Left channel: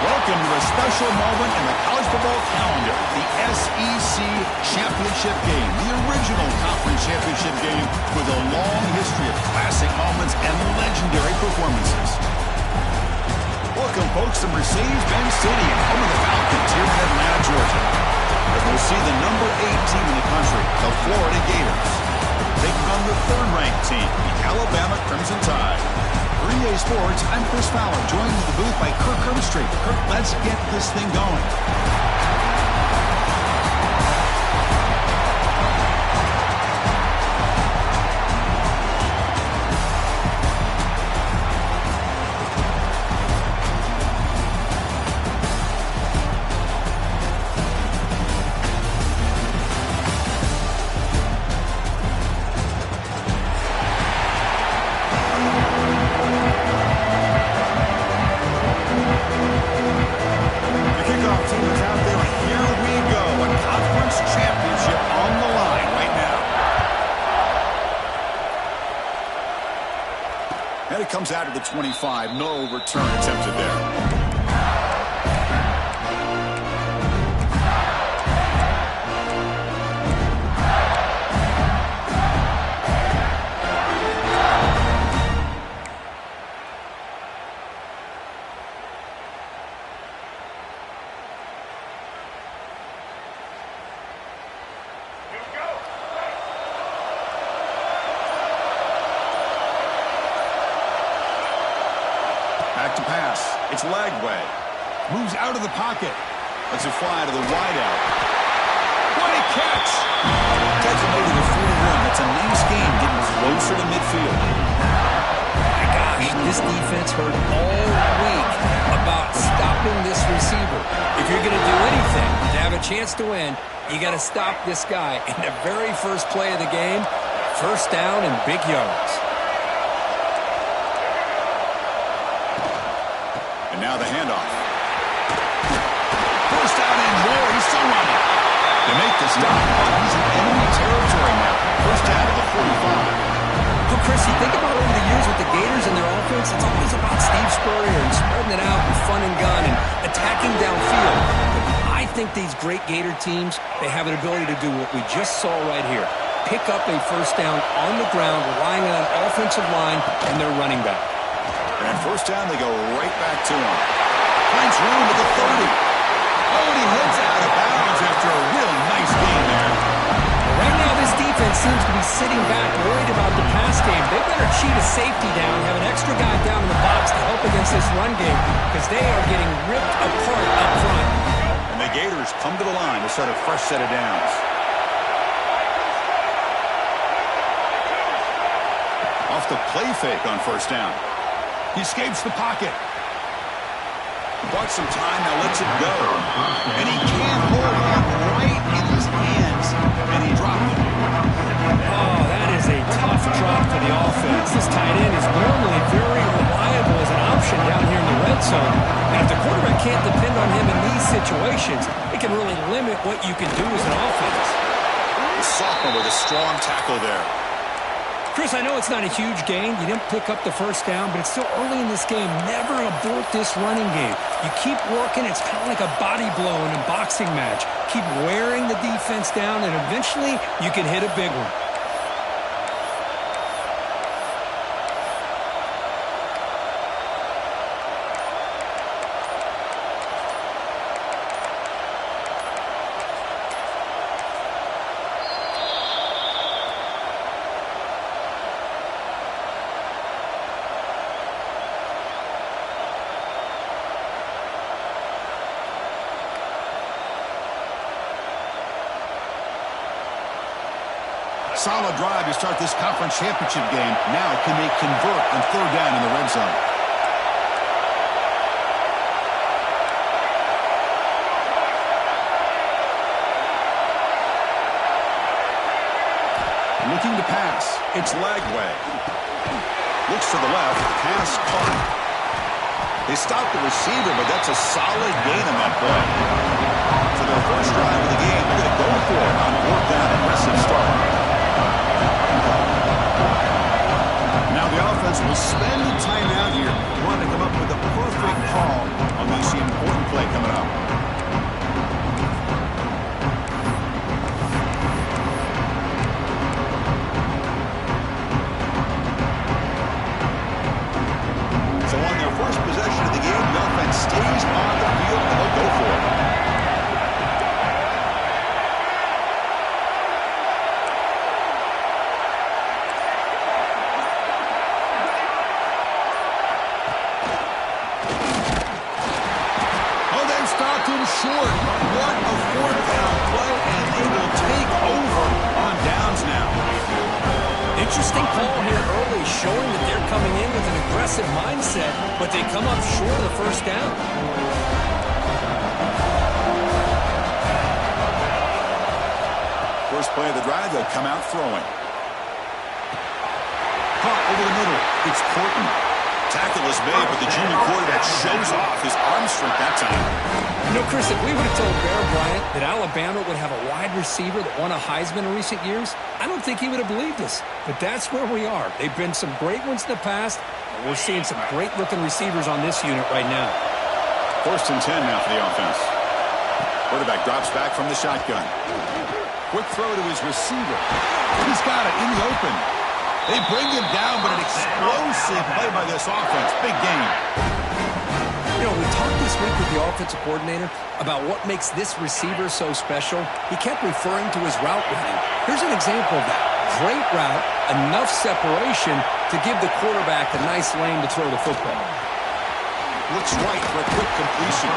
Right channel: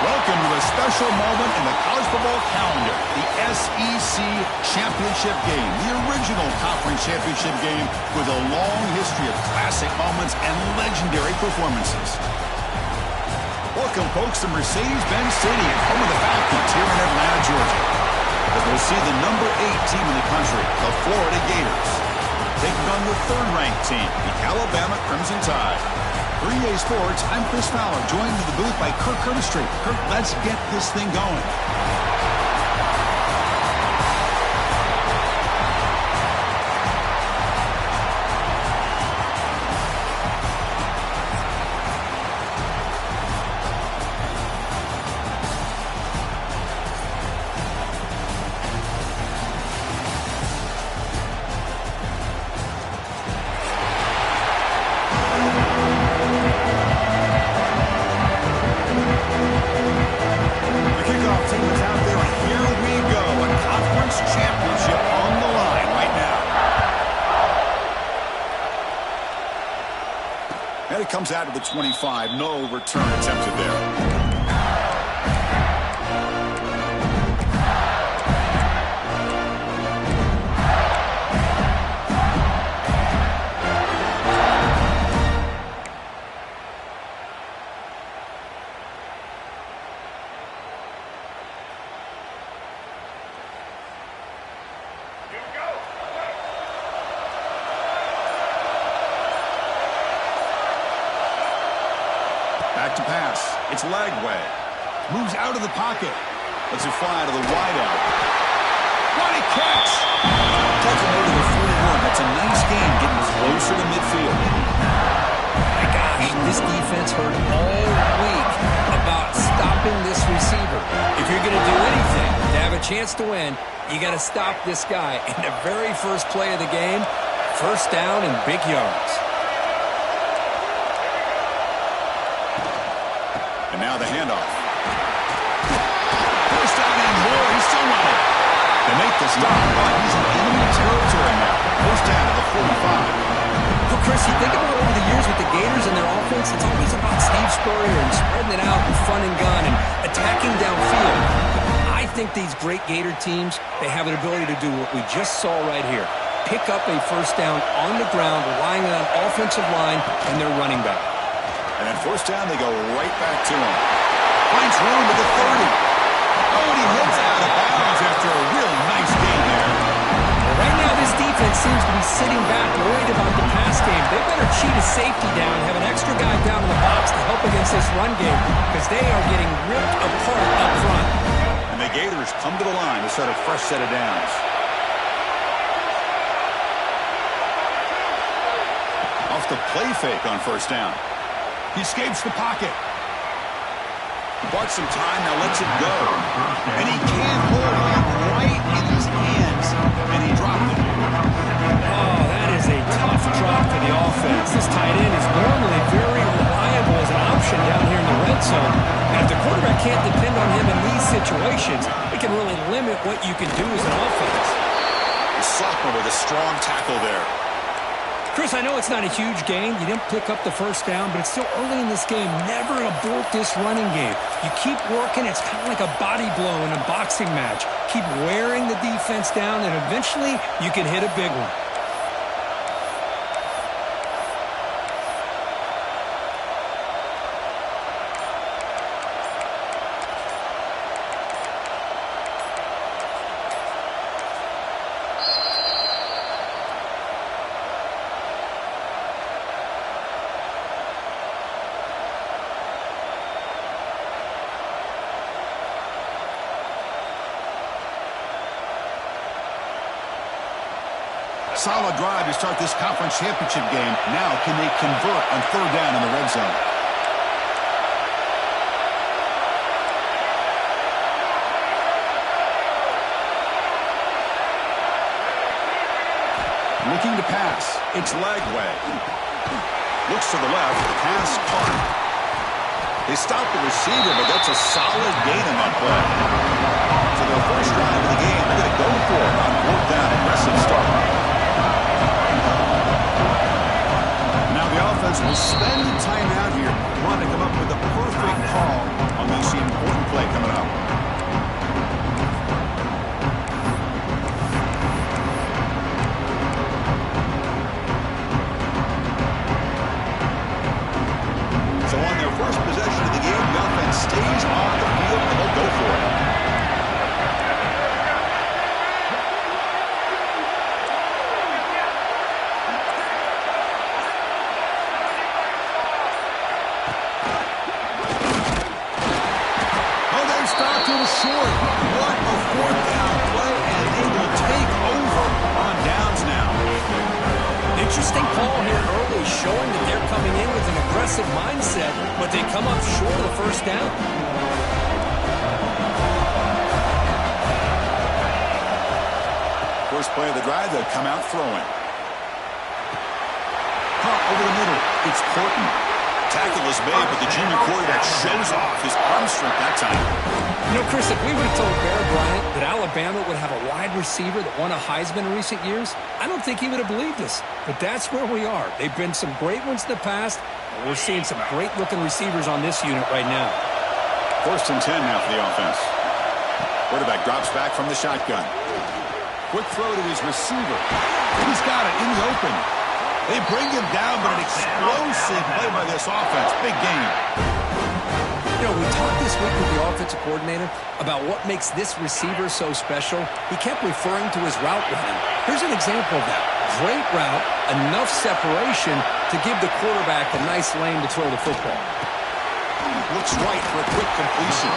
Welcome to a special moment in the college football calendar, the SEC Championship Game, the original conference championship game with a long history of classic moments and legendary performances. Welcome, folks, to Mercedes-Benz Stadium, home of the Falcons here in Atlanta, Georgia. As we'll see the number 8 team in the country, the Florida Gators, taking on the third-ranked team, the Alabama Crimson Tide. For EA Sports, I'm Chris Fowler, joined in the booth by Kirk Herbstreit. Kirk, let's get this thing going. And it comes out of the 25. No return attempted there. Back to pass. It's Lagway. Moves out of the pocket. Lets it fly to the wideout. What a catch! Designated the 41. That's a nice game, getting closer to midfield. My gosh, this defense heard all week about stopping this receiver. If you're going to do anything to have a chance to win, you got to stop this guy. In the very first play of the game, first down and big yards. And now the handoff. First down and more. He's still running. They make the stop, but he's in enemy territory now. First down to the 45. Well, Chris, you think about over the years with the Gators and their offense, it's always about Steve Spurrier and spreading it out and fun and gun and attacking downfield. But I think these great Gator teams, they have an ability to do what we just saw right here. Pick up a first down on the ground, relying on an offensive line and their running back. And at first down, they go right back to him. Finds room at the 30. Oh, and he heads out of bounds after a really nice game there. Well, right now, this defense seems to be sitting back, worried about the pass game. They better cheat a safety down, have an extra guy down in the box to help against this run game, because they are getting ripped apart up front. And the Gators come to the line to start a fresh set of downs. Off the play fake on first down. He escapes the pocket. Bought some time, now lets it go. And he can't hold on right in his hands. And he dropped it. Oh, that is a tough drop for the offense. This tight end is normally very reliable as an option down here in the red zone. And if the quarterback can't depend on him in these situations, it can really limit what you can do as an offense. The sophomore with a strong tackle there. Chris, I know it's not a huge gain. You didn't pick up the first down, but it's still early in this game. Never abort this running game. You keep working. It's kind of like a body blow in a boxing match. Keep wearing the defense down, and eventually you can hit a big one. Solid drive to start this conference championship game. Now, can they convert on third down in the red zone? Looking to pass. It's Lagway. Looks to the left. Pass caught. They stopped the receiver, but that's a solid gain on that play. For their first drive of the game, they're going to go for it on fourth down. Impressive start. Now the offense will spend the time out here, wanting to come up with a perfect call Unleash the important play coming up. So on their first possession of the game, the offense stays on the field and they'll go for it. Oh, they've stopped him short. What a fourth down play, and they will take over on downs now. Interesting call here early, showing that they're coming in with an aggressive mindset, but they come up short of the first down. First play of the drive, they'll come out throwing. Caught over the middle. It's Horton. Tackle is made, but the junior quarterback shows off his arm strength that time. You know, Chris, if we would have told Bear Bryant that Alabama would have a wide receiver that won a Heisman in recent years, I don't think he would have believed us. But that's where we are. They've been some great ones in the past, and we're seeing some great-looking receivers on this unit right now. 1st and 10 now for the offense. Quarterback drops back from the shotgun. Quick throw to his receiver. He's got it in the open. They bring him down, but an explosive play by this offense. Big game. You know, we talked this week with the offensive coordinator about what makes this receiver so special. He kept referring to his route running. Here's an example of that. Great route, enough separation to give the quarterback a nice lane to throw the football. Looks right for a quick completion.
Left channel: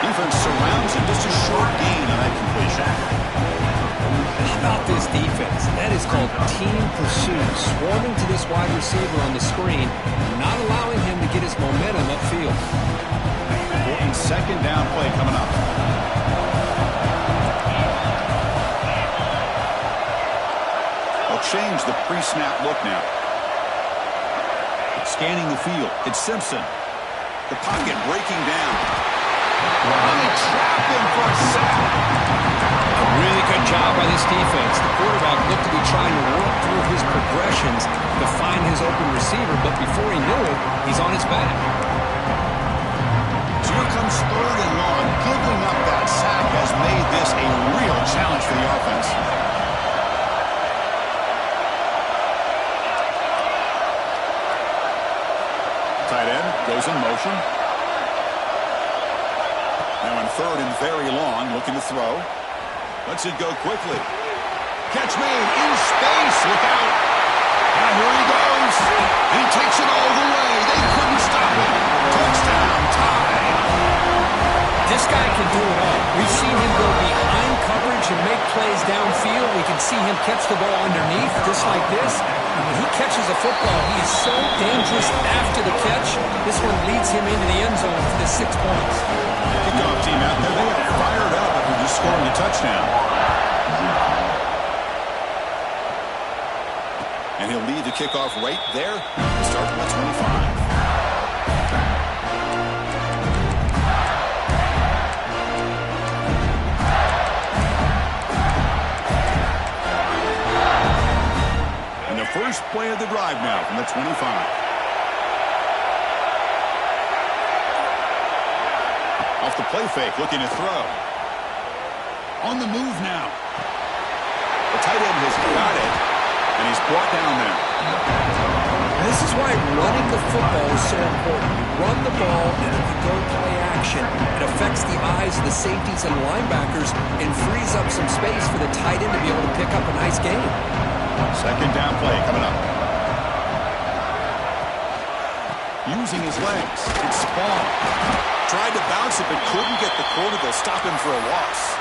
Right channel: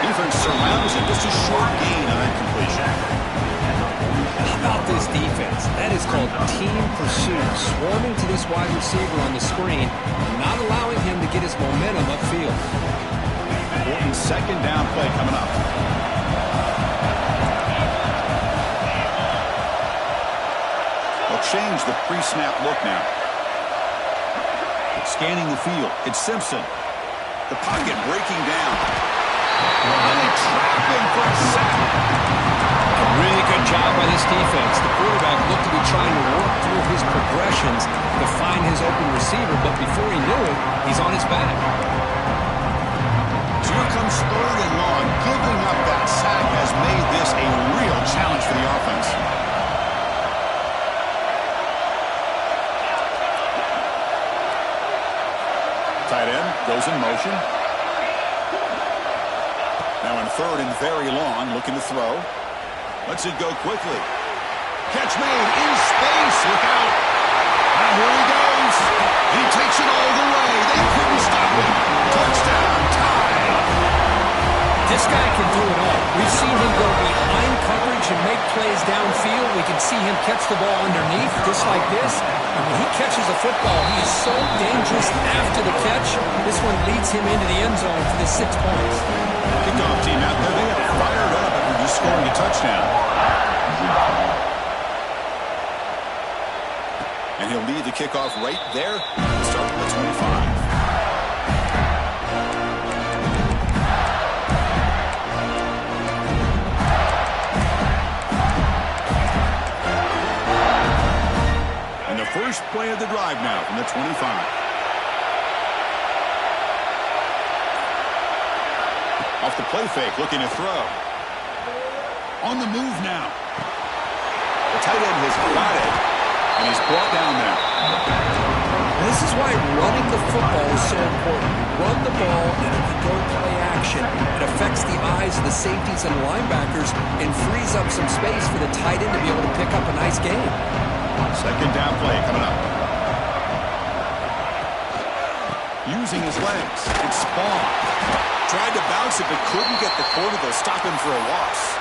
Defense surrounds him. Just a short gain on that completion. How about this defense? That is called team pursuit. Swarming to this wide receiver on the screen, not allowing him to get his momentum upfield. Important 2nd down play coming up. They'll change the pre-snap look now. Scanning the field. It's Simpson. The pocket breaking down. And they trap him for a sack. A really good job by this defense. The quarterback looked to be trying to work through his progressions to find his open receiver, but before he knew it, he's on his back. So here comes 3rd and long. Giving up that sack has made this a real challenge for the offense. Tight end goes in motion. Now in 3rd and very long, looking to throw. Lets it go quickly. Catch made in space. Look out. Here he goes. He takes it all the way. They couldn't stop him. Touchdown. Tied. This guy can do it all. We've seen him go behind coverage and make plays downfield. We can see him catch the ball underneath, just like this. And when he catches a football, he is so dangerous after the catch. This one leads him into the end zone for the 6 points. Kickoff team out there. They are fired up after just scoring a touchdown. And he'll lead the kickoff right there. Start from the 25. And the first play of the drive now from the 25. Off the play fake, looking to throw. On the move now. The tight end has got it, and he's brought down there. This is why running the football is so important. You run the ball, and if you go play action, it affects the eyes of the safeties and linebackers and frees up some space for the tight end to be able to pick up a nice game. 2nd down play coming up. Using his legs, it's Spawn. Tried to bounce it, but couldn't get the corner. They'll stop him for a loss.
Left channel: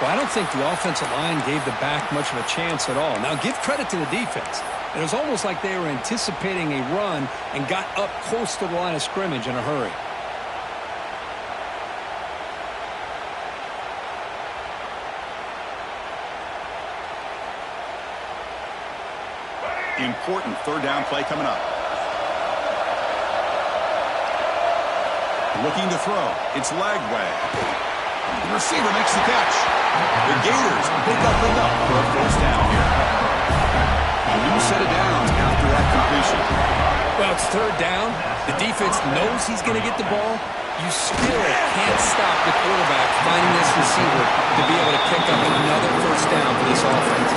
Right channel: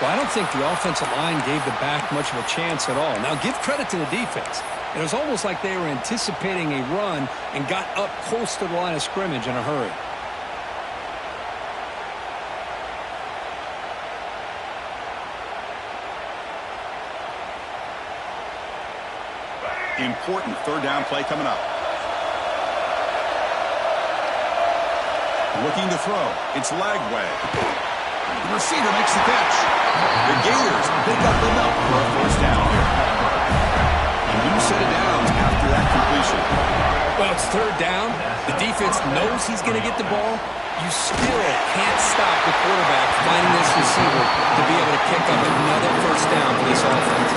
Well, I don't think the offensive line gave the back much of a chance at all. Now, give credit to the defense. It was almost like they were anticipating a run and got up close to the line of scrimmage in a hurry. Important 3rd down play coming up. Looking to throw. It's Lagway. The receiver makes the catch. The Gators pick up enough for a 1st down here. A new set of downs after that completion. Well, it's third down. The defense knows he's going to get the ball. You still can't stop the quarterback finding this receiver to be able to pick up another first down for this offense.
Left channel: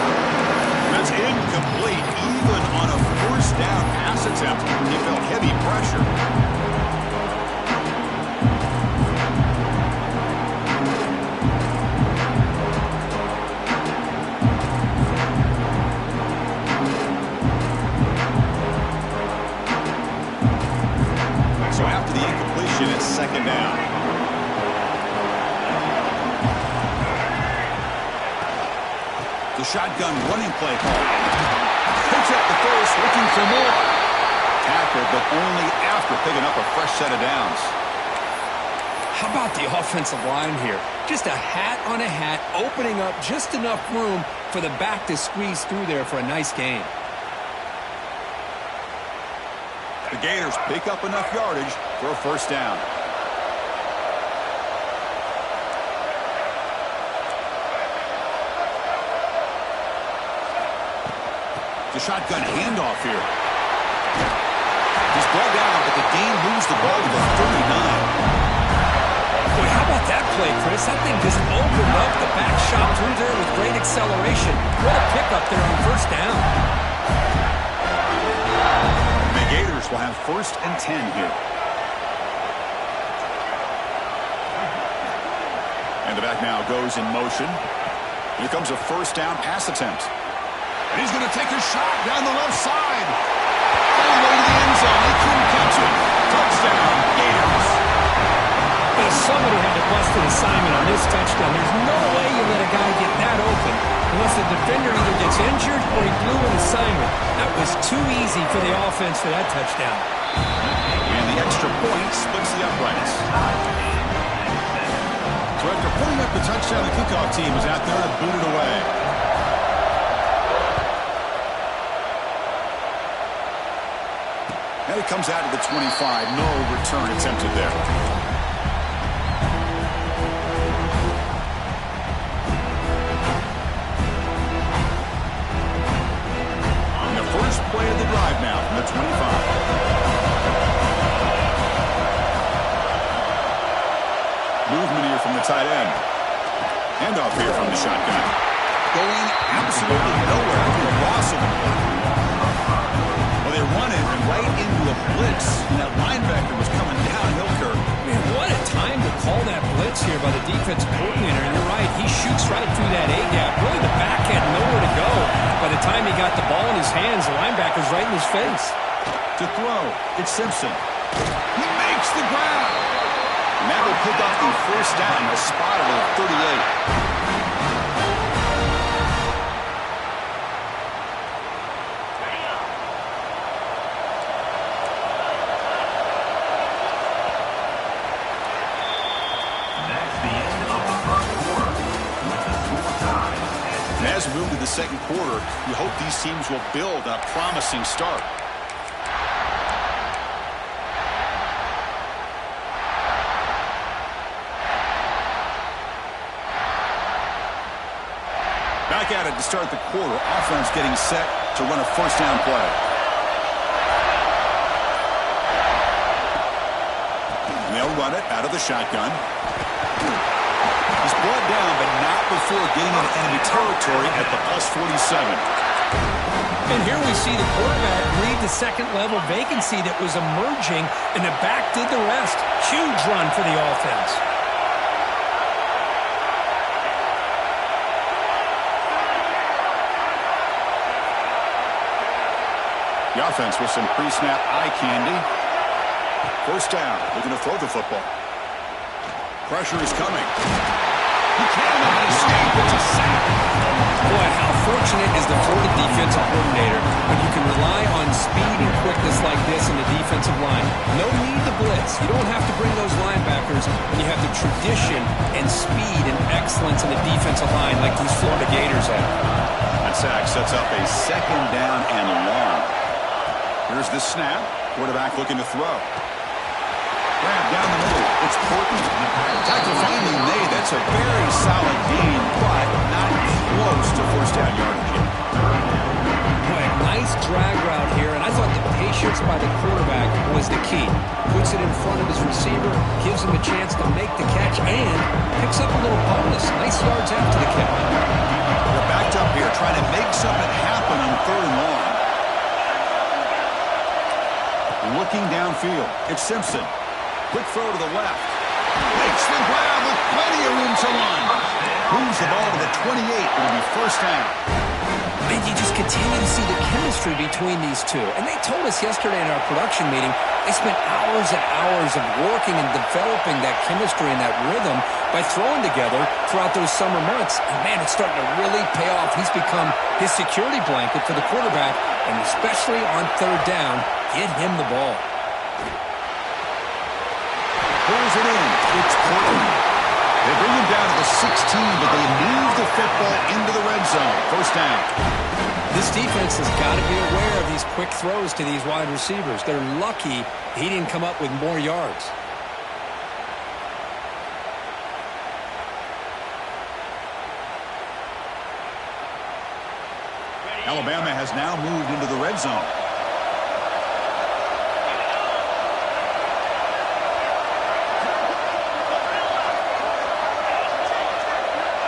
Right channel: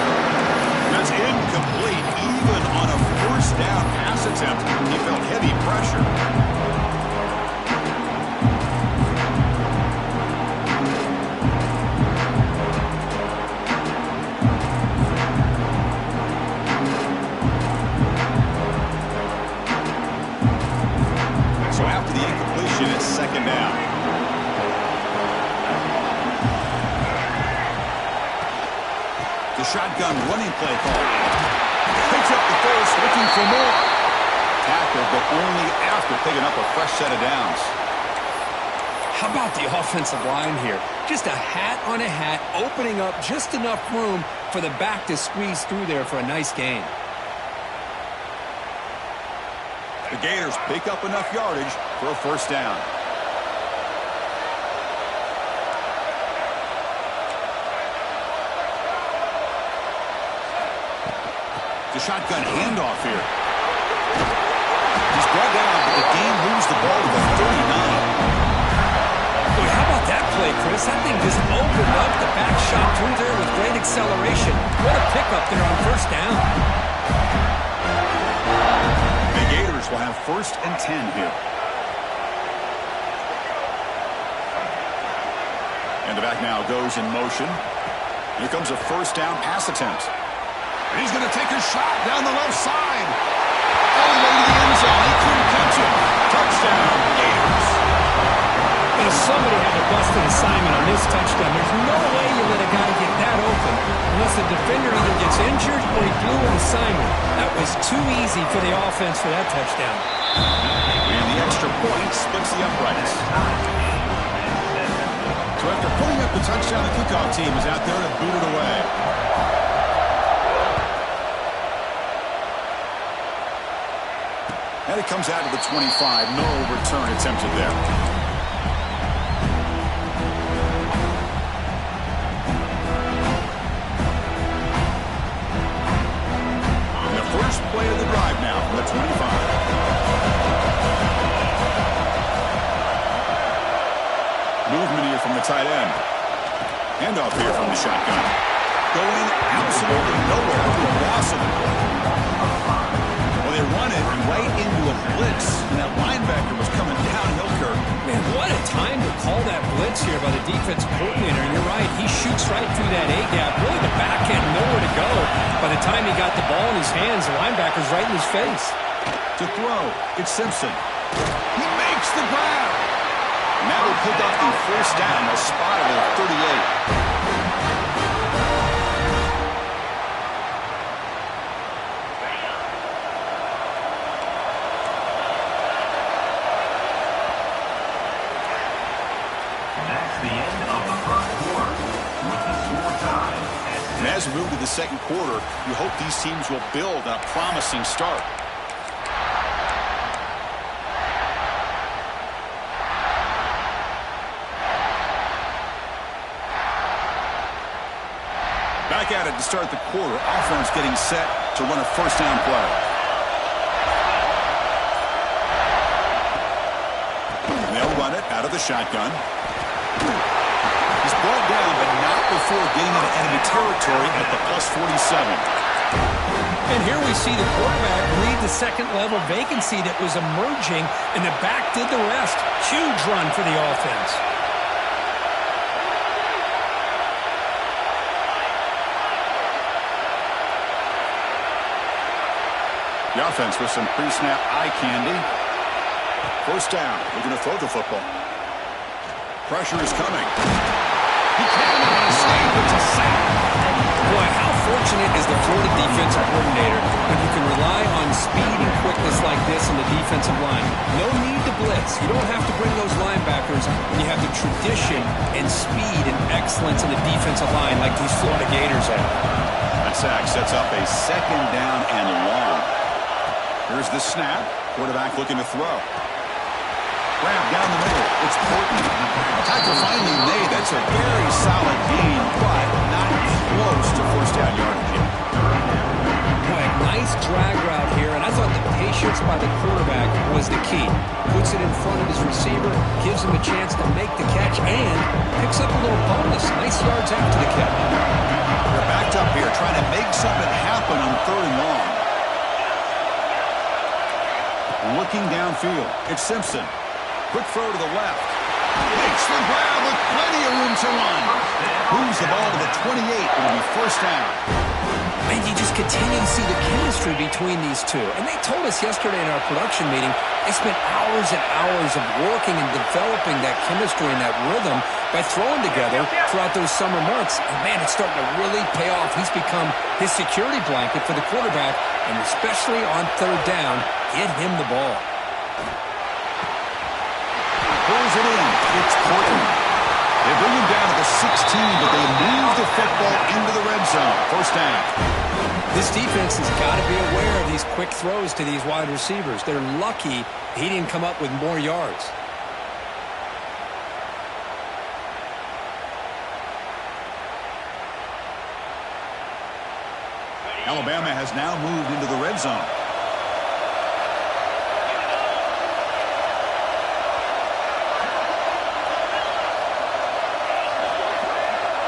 That's incomplete. Even on a first down pass attempt, he felt heavy pressure. So after the incompletion, it's second down. The shotgun running play call. Picks up the first, looking for more. Tackled, but only after picking up a fresh set of downs. How about the offensive line here? Just a hat on a hat, opening up just enough room for the back to squeeze through there for a nice gain. The Gators pick up enough yardage for a first down. The shotgun handoff here. He's brought down, but the game moves the ball to the 39. Boy, how about that play, Chris? That thing just opened up. The back shot through there with great acceleration. What a pickup there on first down. The Gators will have first and 10 here. And the back now goes in motion. Here comes a first down pass attempt. And he's going to take a shot down the left side. All the way to the end zone. They couldn't catch it. Touchdown, Gators. Well, somebody had to bust an assignment on this touchdown. There's no way you let a guy get that open unless the defender either gets injured or he blew an assignment. That was too easy for the offense for that touchdown. And the extra point splits the uprights. So after pulling up the touchdown, the kickoff team is out there to boot it away. And it comes out to the 25. No return attempted there. First play of the drive now from the 25. Movement here from the tight end. Handoff here from the shotgun. Going absolutely nowhere with the loss of the play. Well, they run it right into a blitz, and that linebacker was coming downhill, Kirk. Man, what a time to call that blitz here by the defense coordinator. And you're right, he shoots right through that A-gap. Really, the back had nowhere to go. By the time he got the ball in his hands, the linebacker's right in his face. To throw, it's Simpson. He makes the grab. And that will pick up the first down, a spot at the 38. As we move to the second quarter, we hope these teams will build on a promising start. Back at it to start the quarter. Offense getting set to run a first down play. And they'll run it out of the shotgun. He's brought down, but not before getting into enemy territory at the plus 47. And here we see the quarterback read the second-level vacancy that was emerging, and the back did the rest. Huge run for the offense. The offense with some pre-snap eye candy. First down, looking to throw the football. Pressure is coming. He cannot escape. It's a sack. Boy, how fortunate is the Florida defensive coordinator when you can rely on speed and quickness like this in the defensive line. No need to blitz. You don't have to bring those linebackers when you have the tradition and speed and excellence in the defensive line like these Florida Gators have. That sack sets up a second down and long. Here's the snap. Quarterback looking to throw. Grab down the middle. It's Portman. Tackle finally made. That's a very solid gain, but not close to first down yardage yet. Boy, a nice drag route here, and I thought the patience by the quarterback was the key. Puts it in front of his receiver, gives him a chance to make the catch, and picks up a little bonus. Nice yards after the catch. They're backed up here trying to make something happen on 3rd and long. Looking downfield, it's Simpson. Quick throw to the left. Makes the grab with plenty of room to run. Moves the ball to the 28. It'll be 1st down. And you just continue to see the chemistry between these two. And they told us yesterday in our production meeting, they spent hours and hours of working and developing that chemistry and that rhythm by throwing together throughout those summer months. And, man, it's starting to really pay off. He's become his security blanket for the quarterback, and especially on 3rd down, get him the ball. Pulls it in. It's Portland. They bring him down to the 16, but they move the football into the red zone. 1st down. This defense has got to be aware of these quick throws to these wide receivers. They're lucky he didn't come up with more yards. Alabama has now moved into the red zone.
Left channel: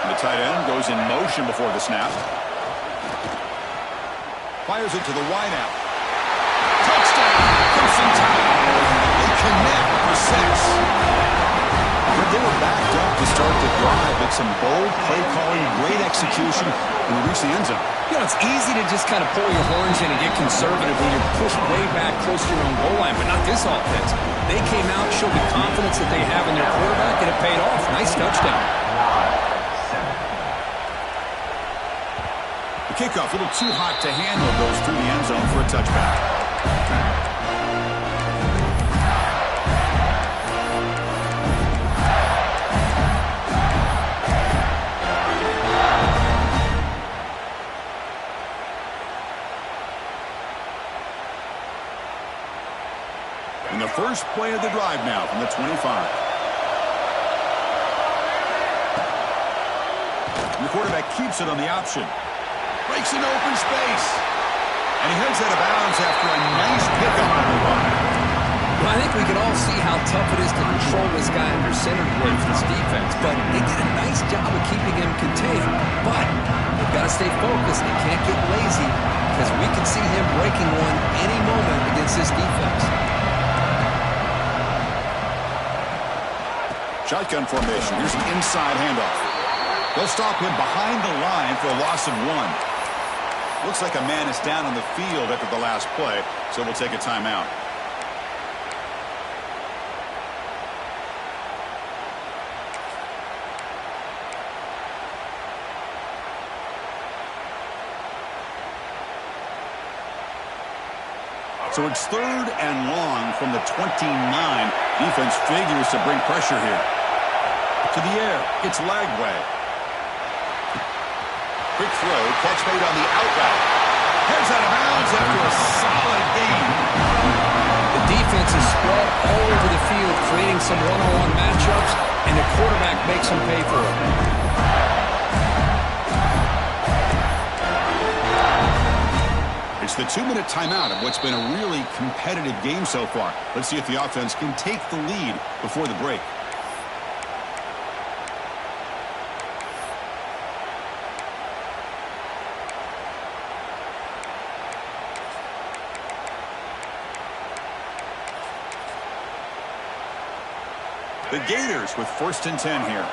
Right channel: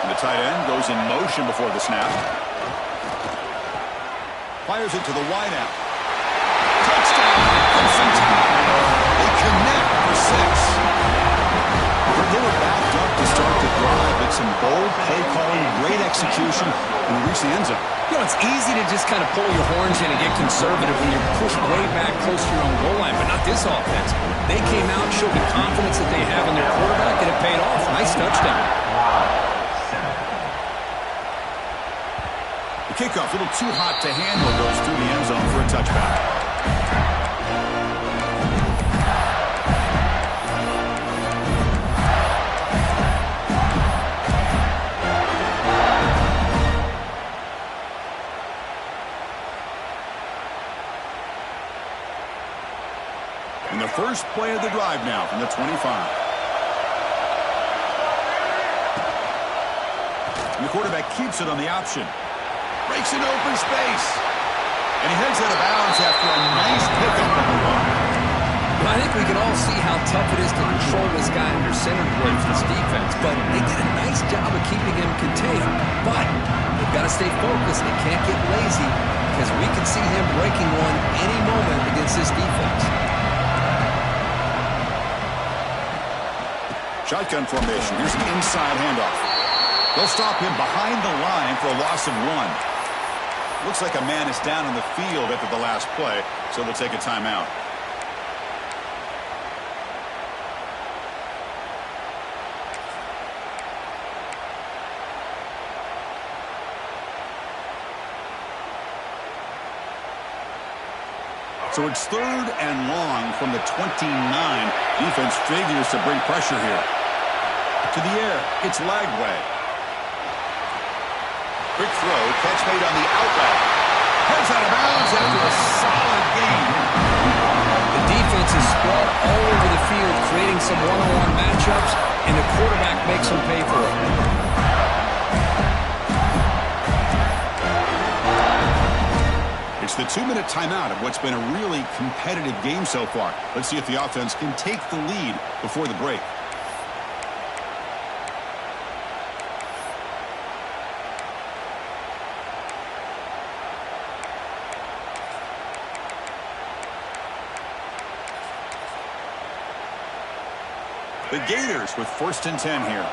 The tight end goes in motion before the snap. Fires it to the wideout. Touchdown, Crimson Tide. They connect for 6. They were backed up to start the drive, but some bold play calling, great execution, and we reach the end zone. You know, it's easy to just kind of pull your horns in and get conservative when you're pushed way back close to your own goal line, but not this offense. They came out, showed the confidence that they have in their quarterback, and it paid off. Nice touchdown. The kickoff, a little too hot to handle, goes through the end zone for a touchback. And the first play of the drive now from the 25. And the quarterback keeps it on the option. Breaks an open space. And he heads out of bounds after a nice pickup on the run. Well, I think we can all see how tough it is to control this guy under center play for this defense, but they did a nice job of keeping him contained. But they've got to stay focused. They can't get lazy because we can see him breaking one any moment against this defense. Shotgun formation. Here's an inside handoff. They'll stop him behind the line for a loss of 1. Looks like a man is down on the field after the last play, so we'll take a timeout. So it's 3rd and long from the 29. Defense figures to bring pressure here. To the air, it's Lagway. Quick throw, catch made on the out route. Heads out of bounds after a solid gain. The defense is spread all over the field, creating some one-on-one matchups, and the quarterback makes them pay for it. It's the 2-minute timeout of what's been a really competitive game so far. Let's see if the offense can take the lead before the break. The Gators with 1st and 10 here.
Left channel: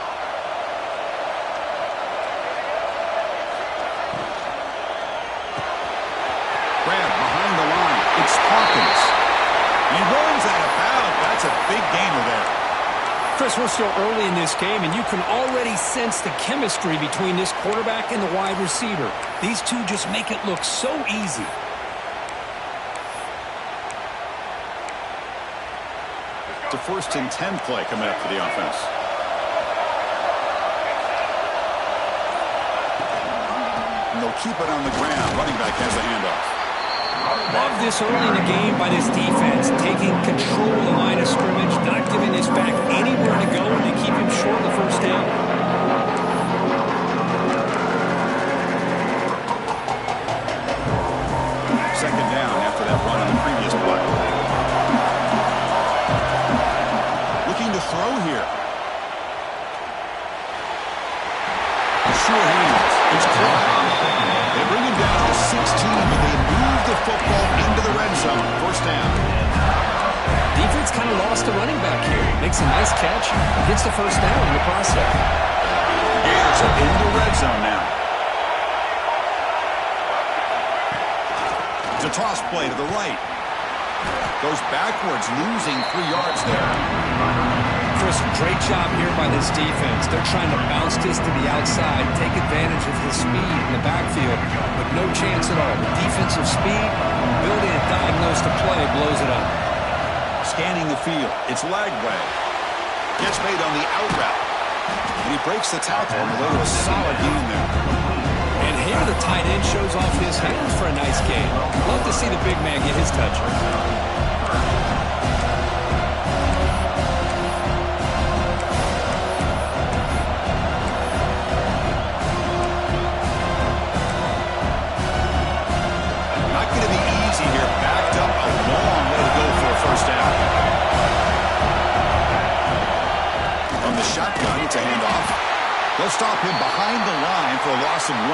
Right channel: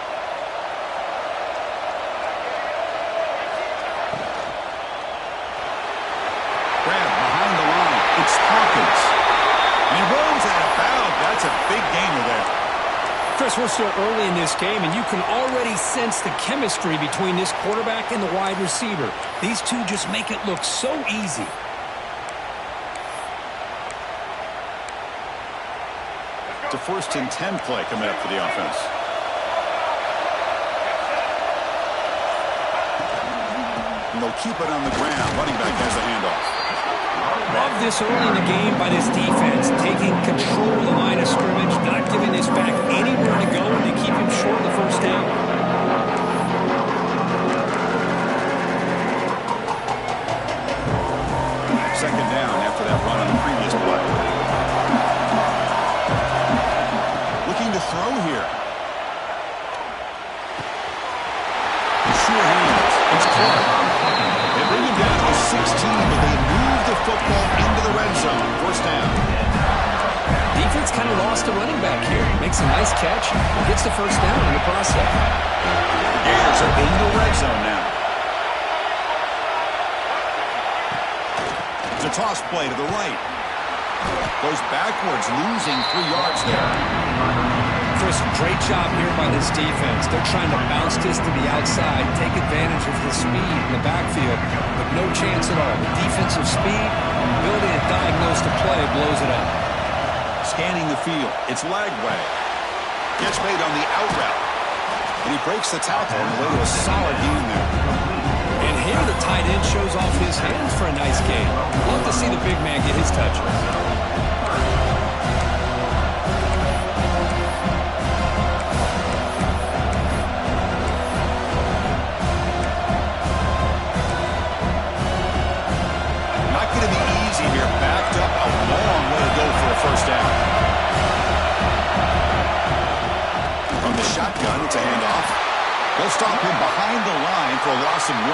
Grab behind the line. It's Hawkins. And he runs out of bounds. That's a big gainer there. Chris, we're still early in this game, and you can already sense the chemistry between this quarterback and the wide receiver. These two just make it look so easy. It's a 1st and 10 play coming up for the offense. And they'll keep it on the ground. Running back has the handoff. Love this early in the game by this defense, taking control of the line of scrimmage, not giving this back anywhere to go, and they keep him short of the 1st down. football into the red zone. First down. Defense kind of lost the running back here. Makes a nice catch and gets the first down in the process. The Gators are in the red zone now. It's a toss play to the right. Goes backwards, losing 3 yards there. Chris, great job here by this defense. They're trying to bounce this to the outside, take advantage of the speed in the backfield, but no chance at all. The defensive speed, ability to diagnose the play, blows it up. Scanning the field. It's Lagway. Gets made on the out route. And he breaks the tackle on the way to a solid gain there. And here the tight end shows off his hands for a nice gain. Love to see the big man get his touches. Not going to be easy here. Backed up a long way to go for a first down. From the shotgun, it's a handoff. They'll stop him behind the line for a loss of 1.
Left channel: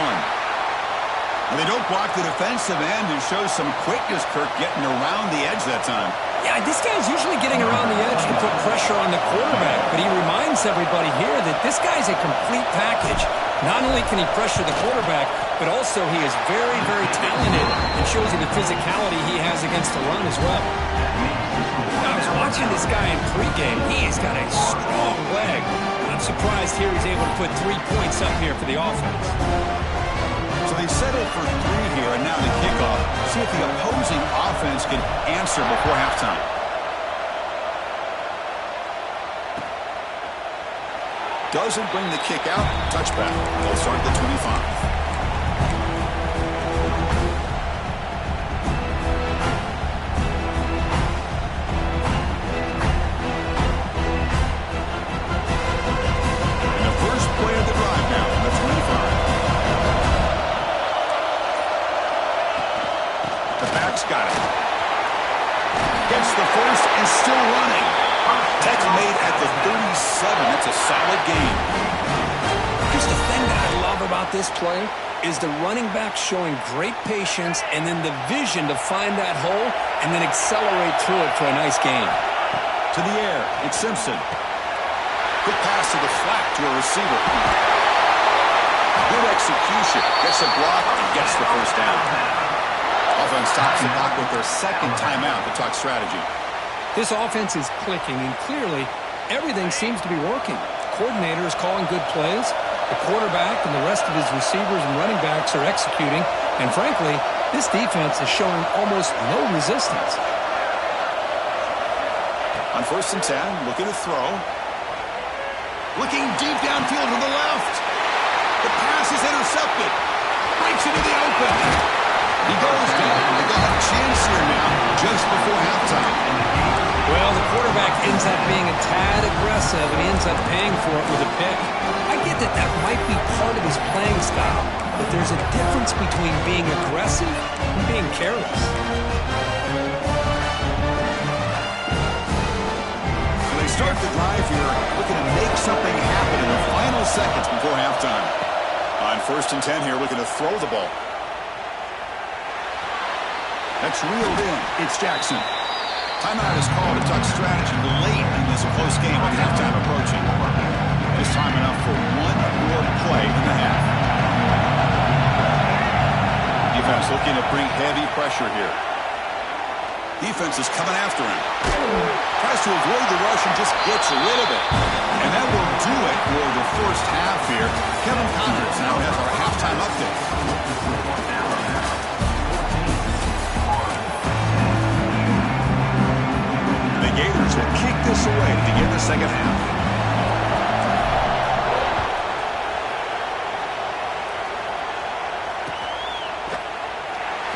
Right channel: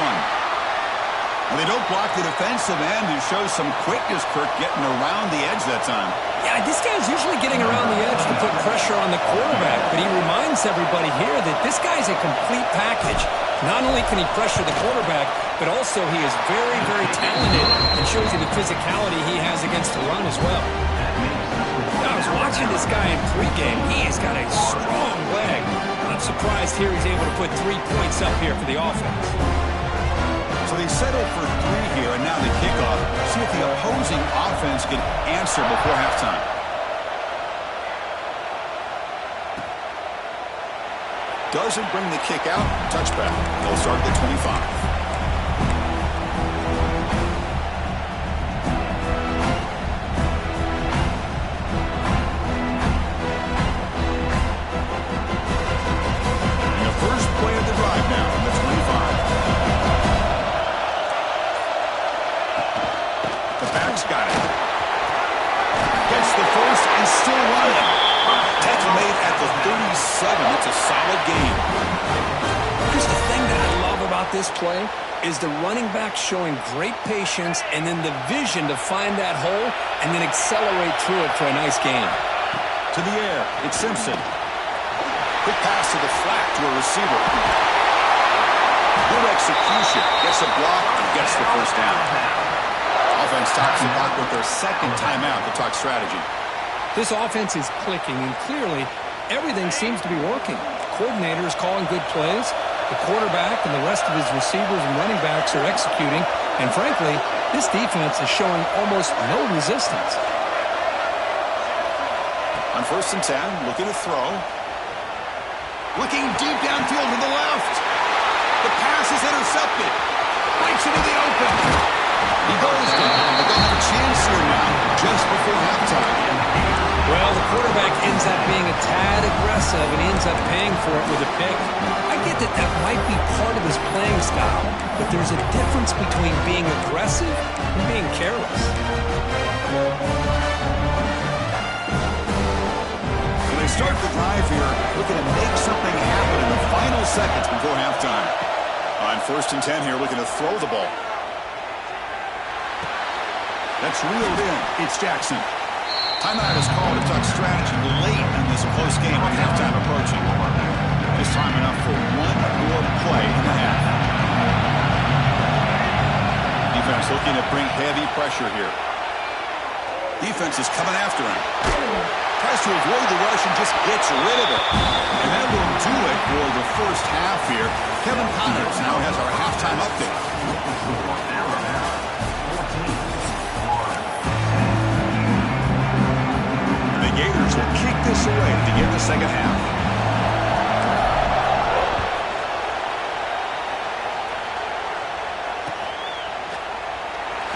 And they don't block the defensive end, who shows some quickness, Kirk, getting around the edge that time. Yeah, this guy's usually getting around the edge to put pressure on the quarterback, but he reminds everybody here that this guy's a complete package. Not only can he pressure the quarterback, but also he is very, very talented and shows you the physicality he has against the run as well. I was watching this guy in pregame. He has got a strong leg. I'm surprised here he's able to put 3 points up here for the offense. So they settled for 3 here, and now the kickoff. See if the opposing offense can answer before halftime. Doesn't bring the kick out. Touchback. They'll start at the 25. First play of the drive now from the 25. The back's got it. Gets the first and still running. Tackle made at the 37. That's a solid gain. Chris, the thing that I love about this play is the running back showing great patience and then the vision to find that hole and then accelerate through it for a nice gain. To the air, it's Simpson. Quick pass to the flat to a receiver. Good execution. Gets a block and gets the first down. Offense tops the clock with their second timeout to talk strategy. This offense is clicking, and clearly everything seems to be working. The coordinator is calling good plays. The quarterback and the rest of his receivers and running backs are executing. And frankly, this defense is showing almost no resistance. On 1st and 10, looking to throw. Looking deep downfield to the left. The pass is intercepted. Breaks into the open. He goes down. But they'll have a chance here now just before halftime. Well, the quarterback ends up being a tad aggressive, and he ends up paying for it with a pick. I get that that might be part of his playing style, but there's a difference between being aggressive and being careless. They start the drive here, looking to make something happen in the final seconds before halftime. On 1st and 10 here, looking to throw the ball. That's reeled in. It's Jackson. Timeout is called to talk strategy late in this close game with halftime approaching. Just time enough for one more play in the half. Defense looking to bring heavy pressure here. Defense is coming after him. Tries to avoid the rush and just gets rid of it. And that will do it for the first half here. Kevin Connors now has our halftime update. The Gators will kick this away to begin the second half.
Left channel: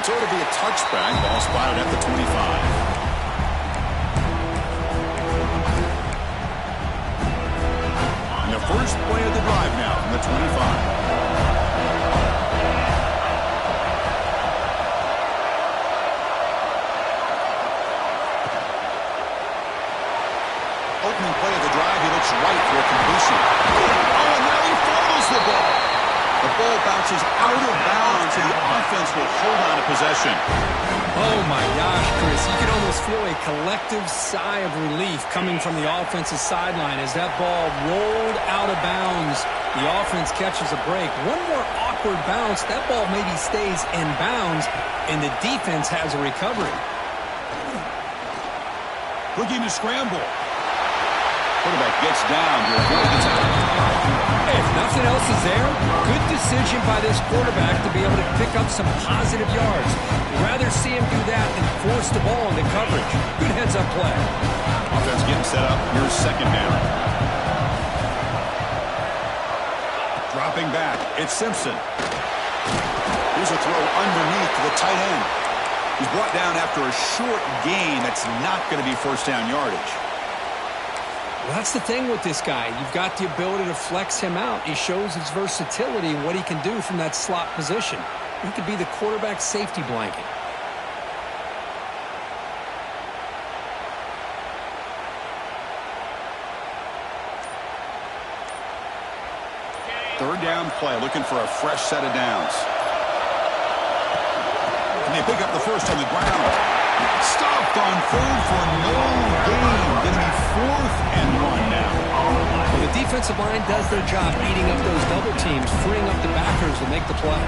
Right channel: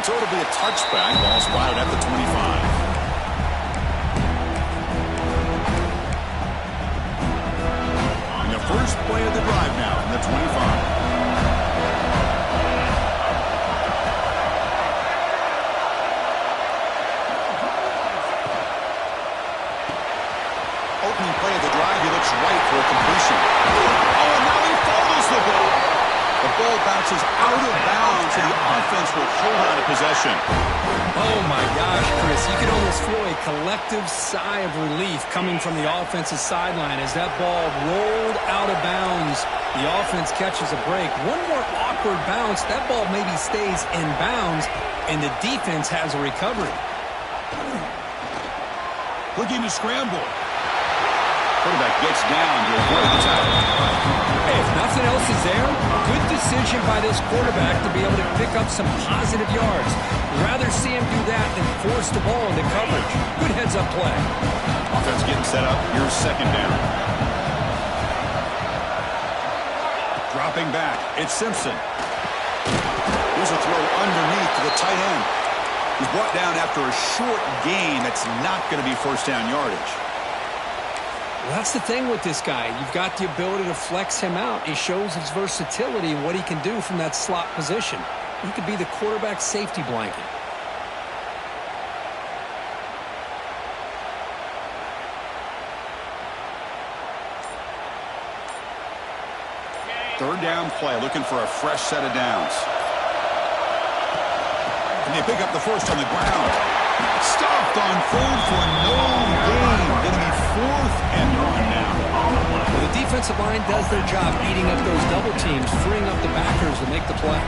So it'll be a touchback. Ball spotted at the 25. And the first play of the drive now from the 25. Opening play of the drive, he looks right for a completion. Oh, and now he fumbles the ball. The ball bounces out of bounds, and the offense will hold on to possession. Oh, my gosh, Chris. You could almost feel a collective sigh of relief coming from the offensive sideline as that ball rolled out of bounds. The offense catches a break. One more awkward bounce. That ball maybe stays in bounds, and the defense has a recovery. Looking to scramble. Quarterback gets down to avoid the tackle. Hey, if nothing else is there, good decision by this quarterback to be able to pick up some positive yards. Rather see him do that than force the ball into coverage. Good heads-up play. Offense getting set up. Here's second down. Dropping back. It's Simpson. Here's a throw underneath to the tight end. He's brought down after a short gain. That's not going to be first down yardage. Well, that's the thing with this guy. You've got the ability to flex him out. He shows his versatility and what he can do from that slot position. He could be the quarterback safety blanket. Third down play, looking for a fresh set of downs. And they pick up the first on the ground. Stopped on third for no gain. Going to be 4th and 1 now. Well, the defensive line does their job eating up those double teams, freeing up the backers to make the play.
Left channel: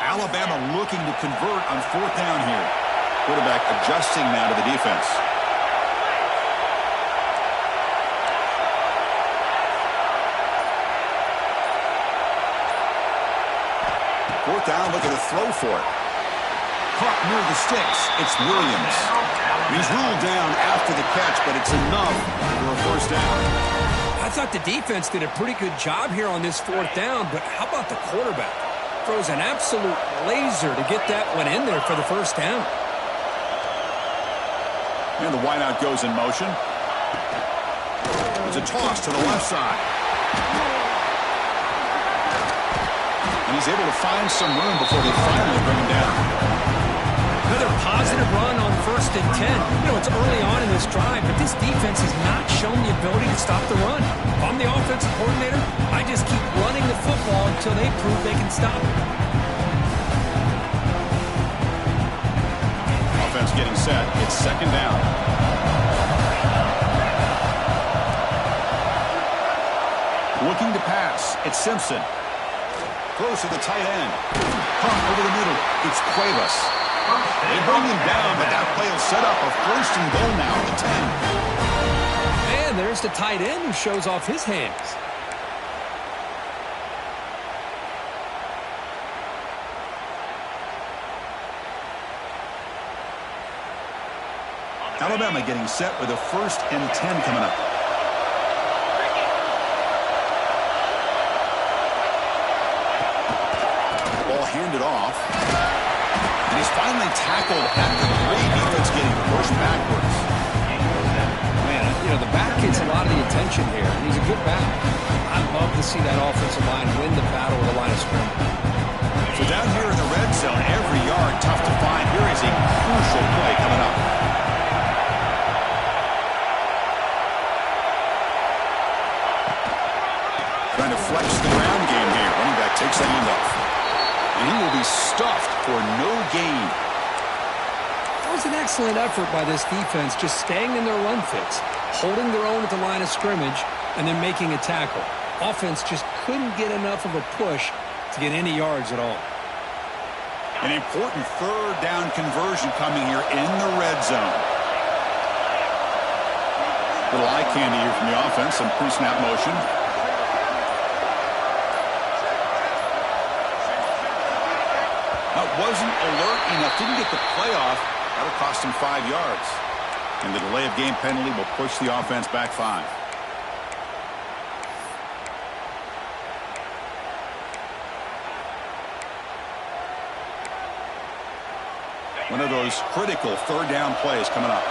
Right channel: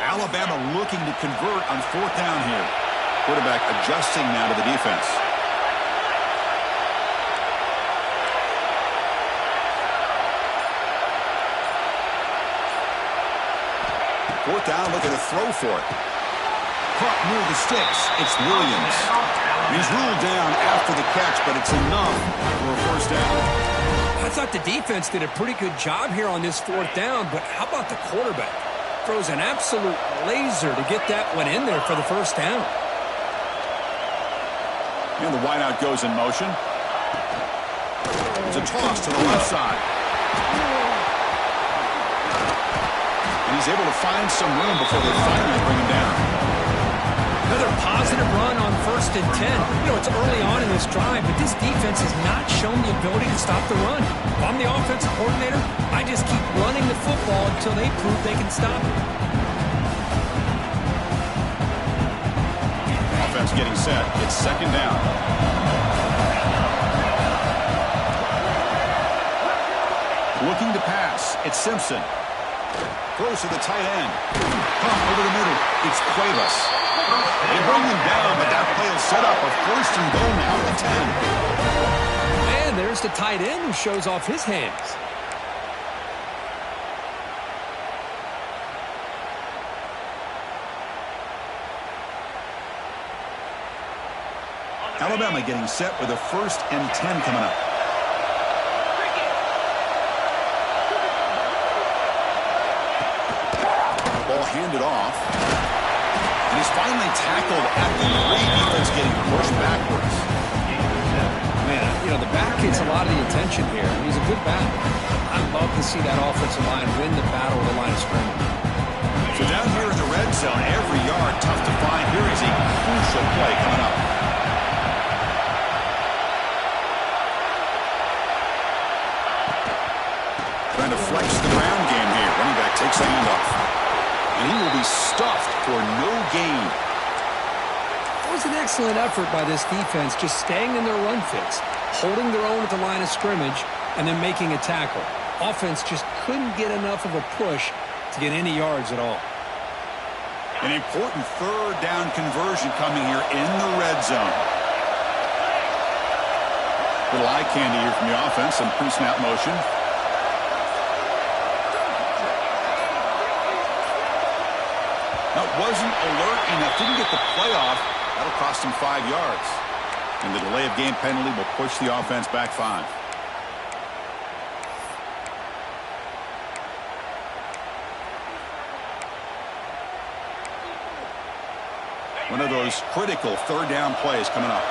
Alabama looking to convert on 4th down here. Quarterback adjusting now to the defense. Fourth down, looking to throw for it. Caught near the sticks. It's Williams. He's ruled down after the catch, but it's enough for a first down. I thought the defense did a pretty good job here on this 4th down, but how about the quarterback? Throws an absolute laser to get that one in there for the first down. And the wideout goes in motion. It's a toss to the left side. And he's able to find some room before they finally bring him down. Another positive run on 1st and 10. You know, it's early on in this drive, but this defense has not shown the ability to stop the run. If I'm the offensive coordinator, I just keep running the football until they prove they can stop it. Offense getting set. It's second down. Looking to pass. It's Simpson. Close to the tight end. Pump over the middle. It's Cuevas. They bring him down, but that play will set up a 1st and goal now at the 10. And there's the tight end who shows off his hands. Alabama getting set with a 1st and 10 coming up. Ball handed off. And he's finally tackled at the 3. Defense getting pushed backwards. Man, you know, the back gets a lot of the attention here, and he's a good back. I love to see that offensive line win the battle with the line of scrimmage. So down here in the red zone, every yard tough to find. Here is a crucial play coming up. Trying to flex the ground game here. Running back takes the handoff. And he will be stuffed for no gain. That was an excellent effort by this defense, just staying in their run fits, holding their own at the line of scrimmage, and then making a tackle. Offense just couldn't get enough of a push to get any yards at all. An important 3rd down conversion coming here in the red zone. Little eye candy here from the offense, some pre-snap motion. That wasn't alert enough. Didn't get the play off. That'll cost him 5 yards. And the delay of game penalty will push the offense back 5. One of those critical 3rd down plays coming up.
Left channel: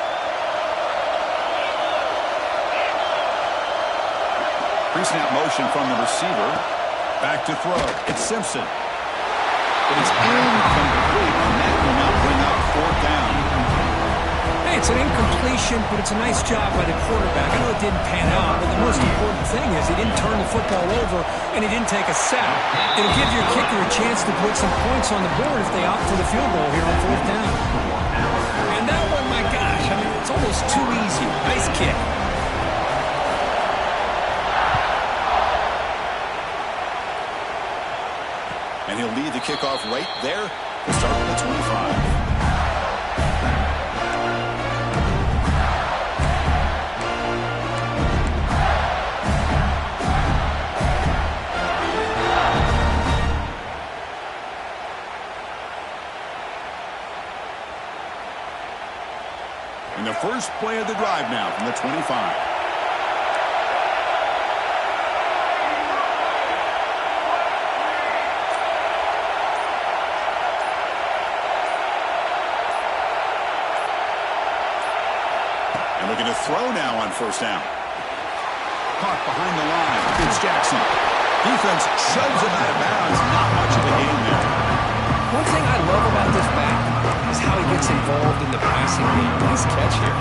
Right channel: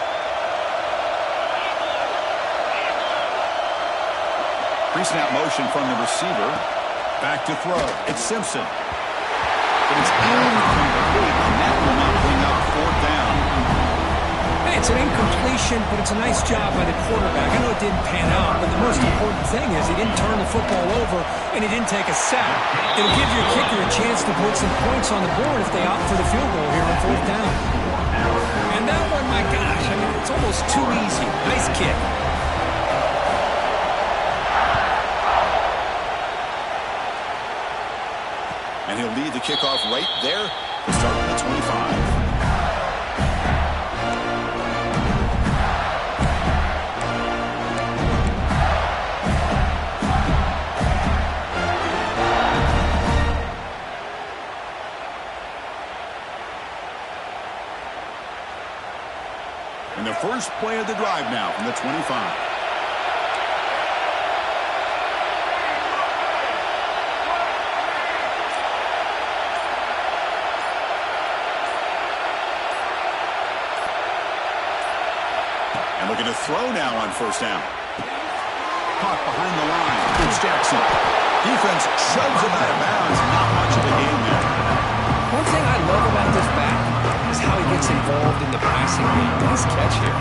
Pre-snap motion from the receiver. Back to throw. It's Simpson. but it's incomplete, and that will now bring up fourth down. Hey, it's an incompletion, but it's a nice job by the quarterback. I know it didn't pan out, but the most important thing is he didn't turn the football over and he didn't take a sack. It'll give your kicker a chance to put some points on the board if they opt for the field goal here on fourth down. And that one, my gosh, I mean, it's almost too easy. Nice kick. And he'll lead the kickoff right there to start from the 25. And the first play of the drive now from the 25. And looking to throw now on first down. Caught behind the line. It's Jackson. Defense shoves him out of bounds. Not much of a game there. One thing I love about this back is how he gets involved in the passing game. Nice catch here.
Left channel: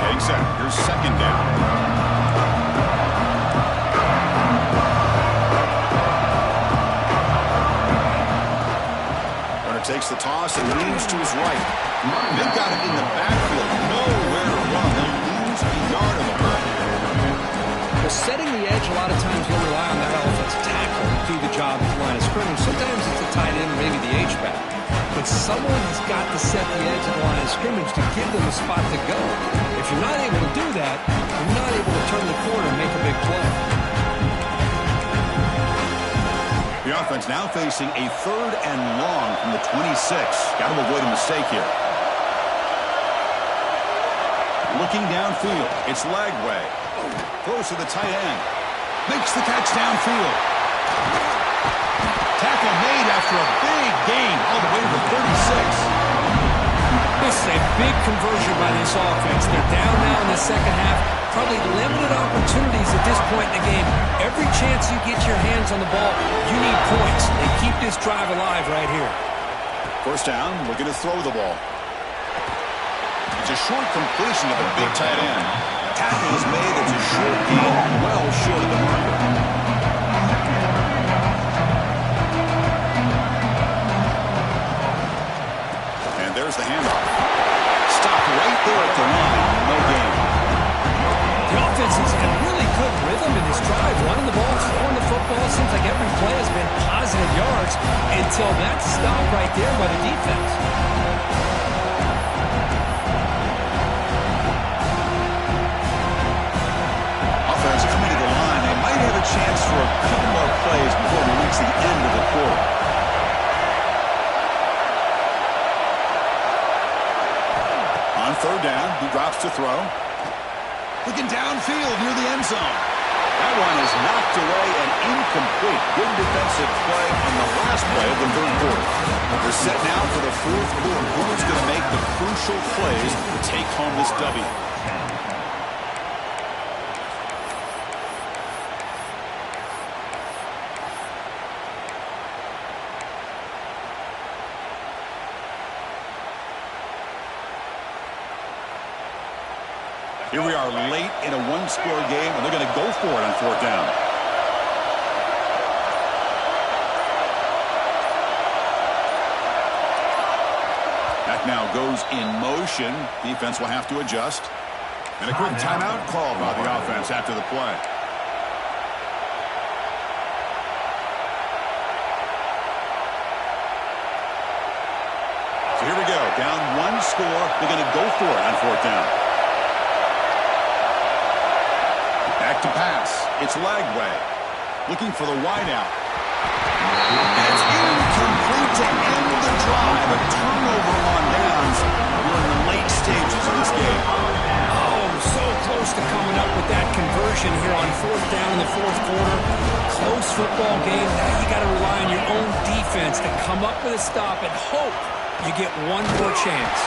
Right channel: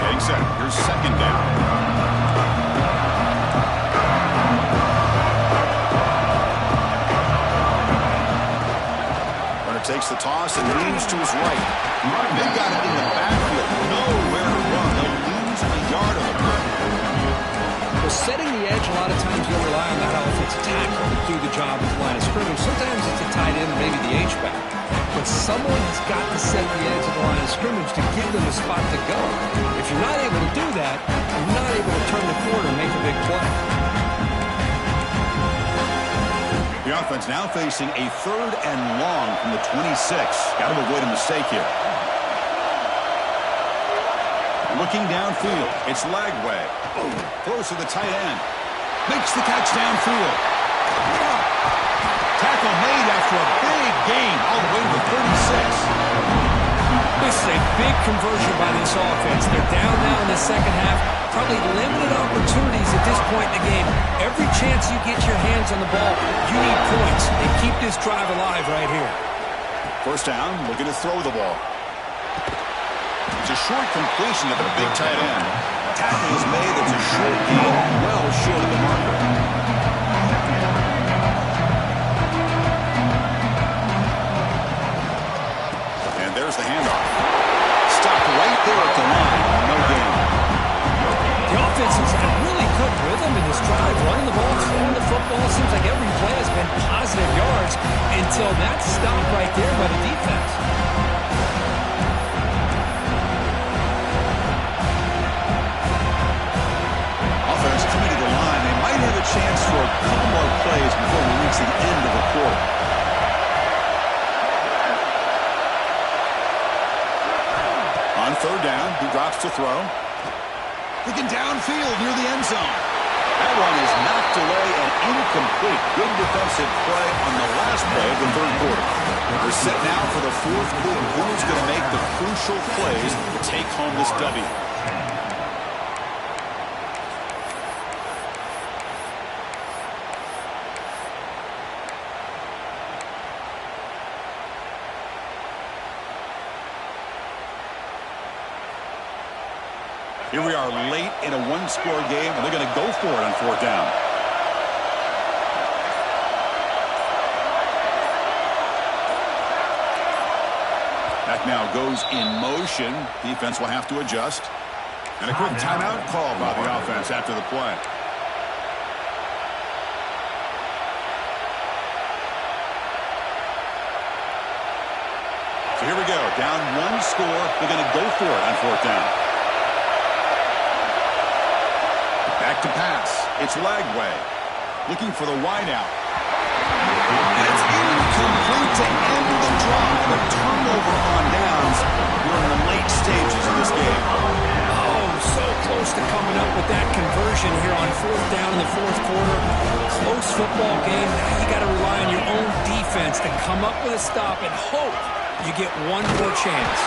Getting set. Here's second down. Takes the toss and leans to his right. They've got him in the backfield. Nowhere to run. They'll lose a yard on the play. Well, setting the edge, a lot of times you'll rely on that offensive tackle to do the job at the line of scrimmage. Sometimes it's a tight end or maybe the H-back. But someone has got to set the edge of the line of scrimmage to give them a spot to go. If you're not able to do that, you're not able to turn the corner and make a big play. The offense now facing a third and long from the 26. Got to avoid a mistake here. Looking downfield, it's Lagway. Throws to the tight end. Makes the catch downfield. Tackle made after a big gain all the way to the 36. This is a big conversion by this offense. They're down now in the second half. Probably limited opportunities at this point in the game. Every chance you get your hands on the ball, you need points. They keep this drive alive right here. First down, looking to throw the ball. It's a short completion of a big tight end. Tackle is made. It's a short gain, well short of the marker. And there's the handoff. Stopped right there at the line. No gain. The offense has had really good rhythm in this drive, running the ball, throwing the football. Seems like every play has been positive yards until that stop right there by the defense. Offense coming to the line. They might have a chance for a couple more plays before we reach the end of the quarter. On third down, he drops to throw. Looking downfield near the end zone. That one is knocked away and incomplete. Good defensive play on the last play of the third quarter. We're set now for the fourth quarter. Who's going to make the crucial plays to take home this W? Here we are late in a one-score game, and they're going to go for it on fourth down. That now goes in motion. Defense will have to adjust. And a quick timeout call by the offense after the play. So here we go. Down one score. They're going to go for it on fourth down. Back to pass. It's Lagway. Looking for the wideout. And it's incomplete to end the drive. A turnover on downs. We're in the late stages of this game. Oh, so close to coming up with that conversion here on fourth down in the fourth quarter. Close football game. Now you got to rely on your own defense to come up with a stop and hope you get one more chance.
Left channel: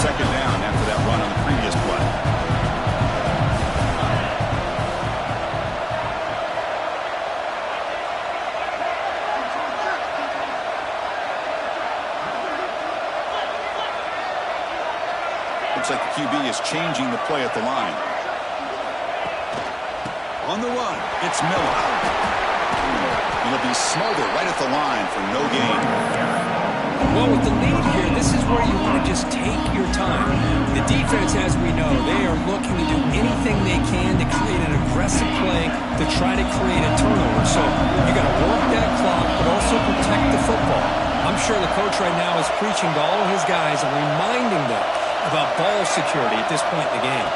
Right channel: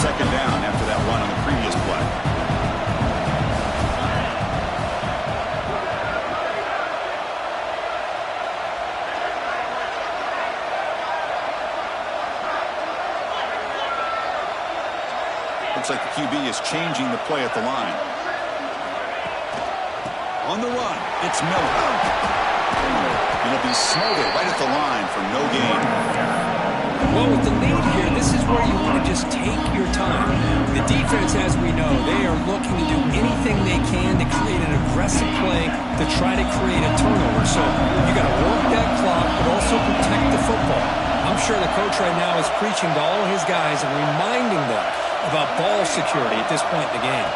Second down after that run on the previous play. Looks like the QB is changing the play at the line. On the run, it's Miller. It'll be Smolder right at the line for no gain. Well, with the lead here, this is where you want to just take your time. The defense, as we know, they are looking to do anything they can to create an aggressive play to try to create a turnover. So you got to work that clock, but also protect the football. I'm sure the coach right now is preaching to all of his guys and reminding them about ball security at this point in the game.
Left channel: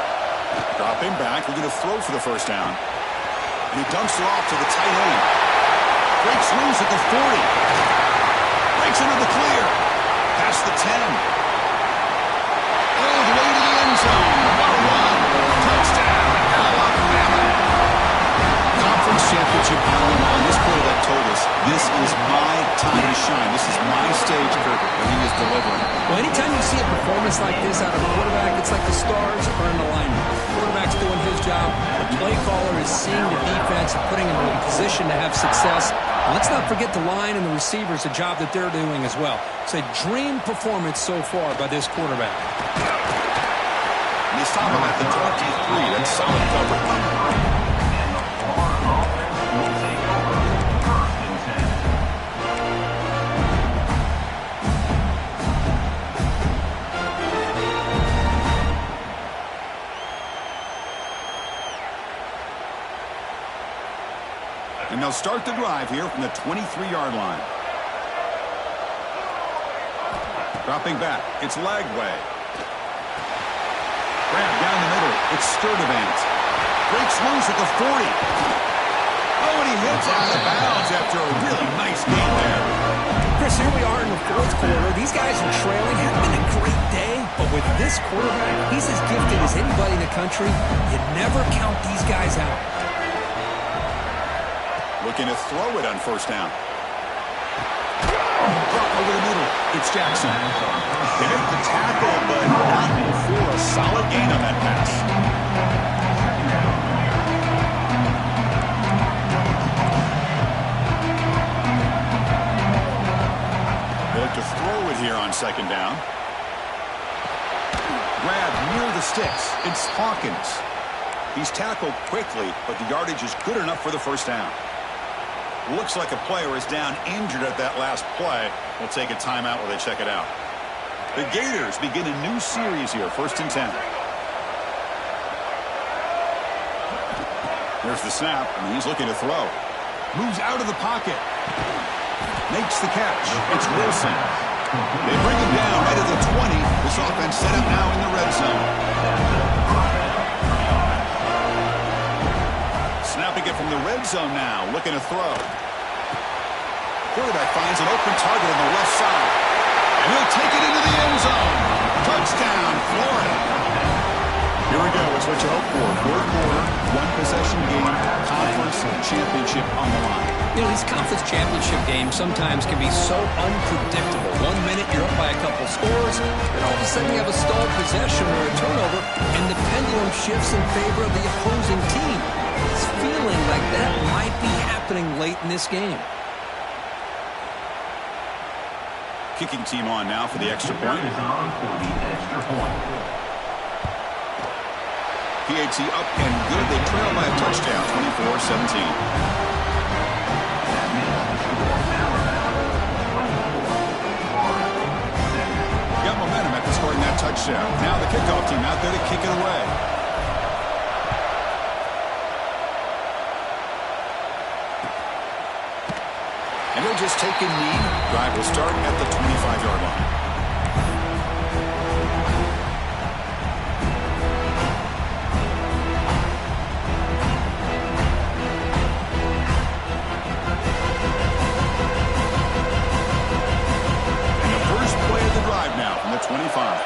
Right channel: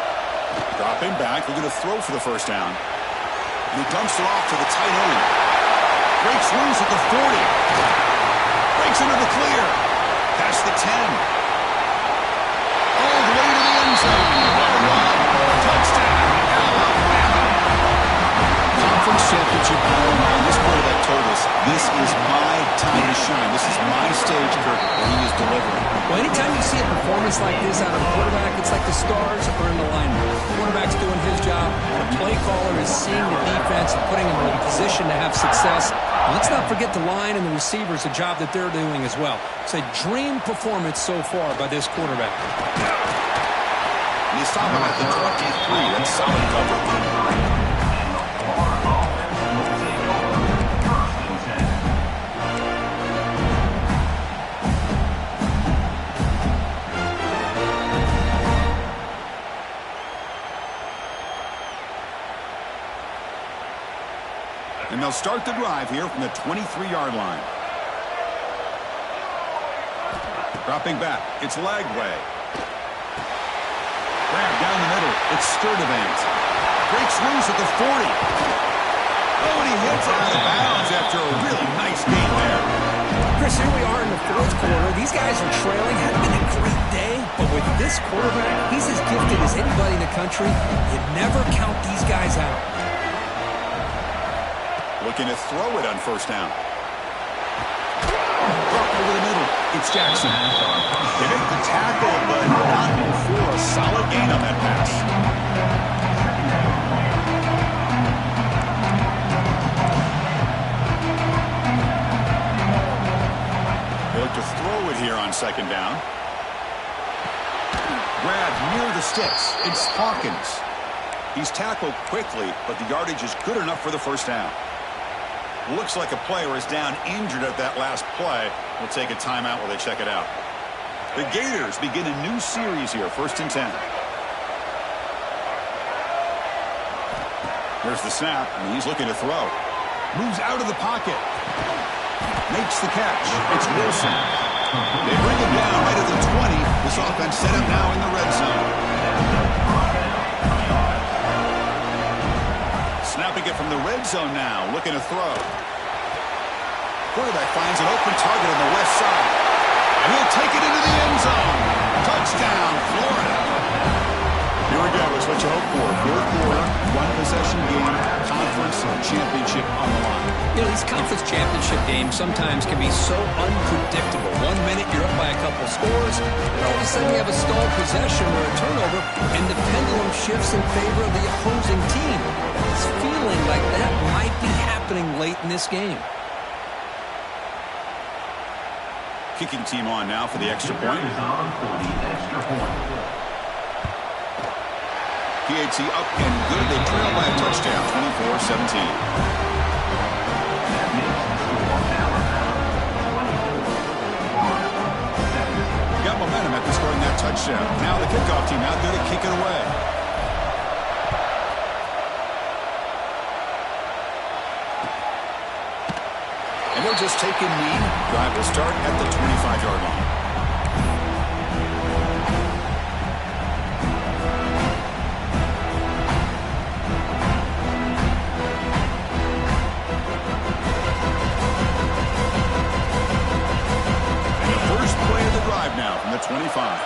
Dropping back, looking to throw for the first down. And he dumps it off to the tight end. Breaks loose at the 40. Breaks into the clear. Past the 10. All the way to the end zone. What a run. Touchdown, Alabama. Conference championship on the line. This quarterback told us, this is my time to shine. This is my stage, Kirk, and he is delivering. Well, anytime you see a performance like this out of a quarterback, it's like the stars are in alignment. The quarterback's doing his job. The play caller is seeing the defense and putting him in a position to have success. And let's not forget the line and the receivers, the job that they're doing as well. It's a dream performance so far by this quarterback. And they stop him at the 23. That's solid coverage. And they'll start the drive here from the 23-yard line. Dropping back, it's Lagway. Grab down the middle, it's Sturdivant. Breaks loose at the 40. Oh, and he hits out of bounds after a really nice game there. Chris, here we are in the fourth quarter. These guys are trailing. Had been a great day, but with this quarterback, he's as gifted as anybody in the country. You never count these guys out. Looking to throw it on first down. Drop over the middle. It's Jackson. They make the tackle, but not for a solid gain on that pass. They look to throw it here on second down. Grab near the sticks. It's Hawkins. He's tackled quickly, but the yardage is good enough for the first down. Looks like a player is down injured at that last play. We'll take a timeout while they check it out. The Gators begin a new series here, 1st and 10. Here's the snap, and he's looking to throw. Moves out of the pocket. Makes the catch. It's Wilson. They bring him down right at the 20. This offense set up now in the red zone. Snapping it from the red zone now, looking to throw. Quarterback finds an open target on the left side. And he'll take it into the end zone. Touchdown, Florida. Here we go. It's what you hope for. Fourth quarter, one-possession game, conference championship on the line. You know, these conference championship games sometimes can be so unpredictable. 1 minute you're up by a couple scores, and all of a sudden you have a stalled possession or a turnover, and the pendulum shifts in favor of the opposing team. It's feeling like that might be happening late in this game. Kicking team on now for the extra point. PAT up and good. They trail by a touchdown, 24-17. Got momentum after scoring that touchdown. Now the kickoff team out there to kick it away. And he'll just take a knee. Drive will start at the 25-yard line. And the first play of the drive now from the 25.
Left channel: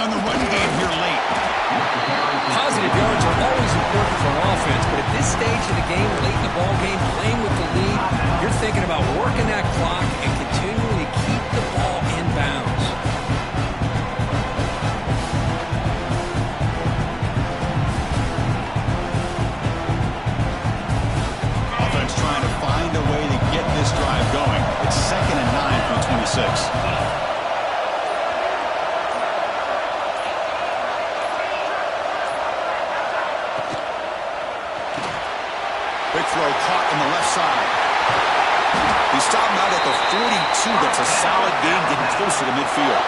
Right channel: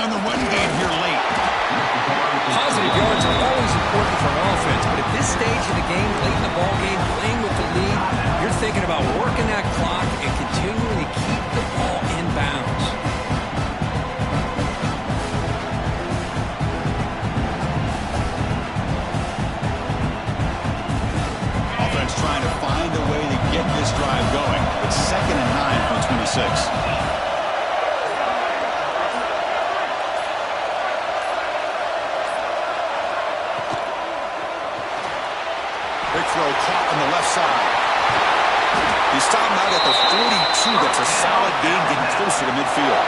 on the run game here late. Positive yards are always important for an offense, but at this stage of the game, late in the ball game, playing with the lead, you're thinking about working that clock and continuing to keep the ball in bounds. Offense trying to find a way to get this drive going. It's 2nd and 9 from 26. Big throw caught on the left side. He stopped out at the 42. That's a solid gain getting closer to midfield.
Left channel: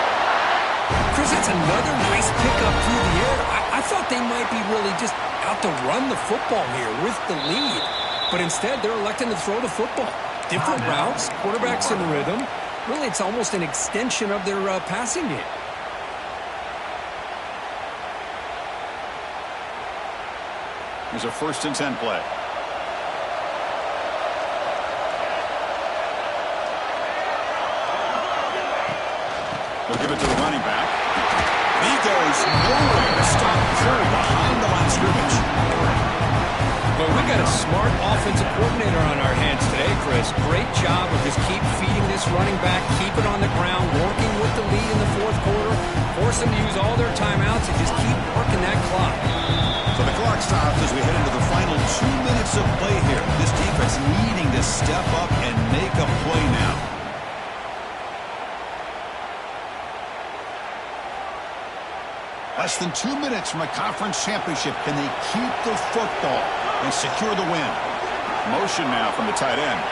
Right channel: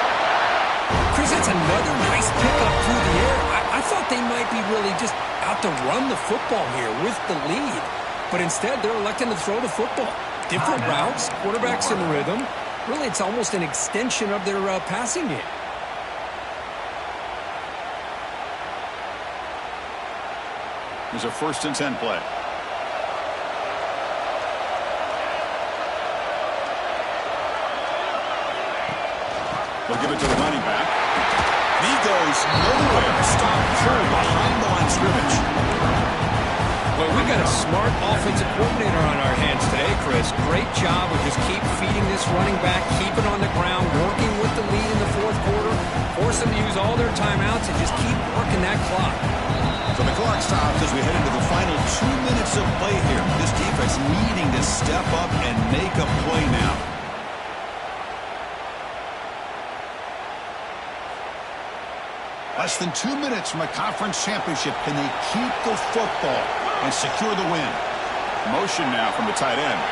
Chris, that's another nice pickup through the air. I thought they might be really just out to run the football here with the lead. But instead, they're electing to throw the football. Different routes, quarterbacks in rhythm. Really, it's almost an extension of their passing game. Here's a 1st and 10 play. They'll give it to the running back. He goes nowhere. Stop cold behind the line of scrimmage. Well, we got a smart offensive coordinator on our hands today, Chris. Great job of just keep feeding this running back, keep it on the ground, working with the lead in the 4th quarter, force them to use all their timeouts, and just keep working that clock. So the clock stops as we head into the final 2 minutes of play here. This defense needing to step up and make a play now. Less than 2 minutes from a conference championship. Can they keep the football and secure the win? Motion now from the tight end.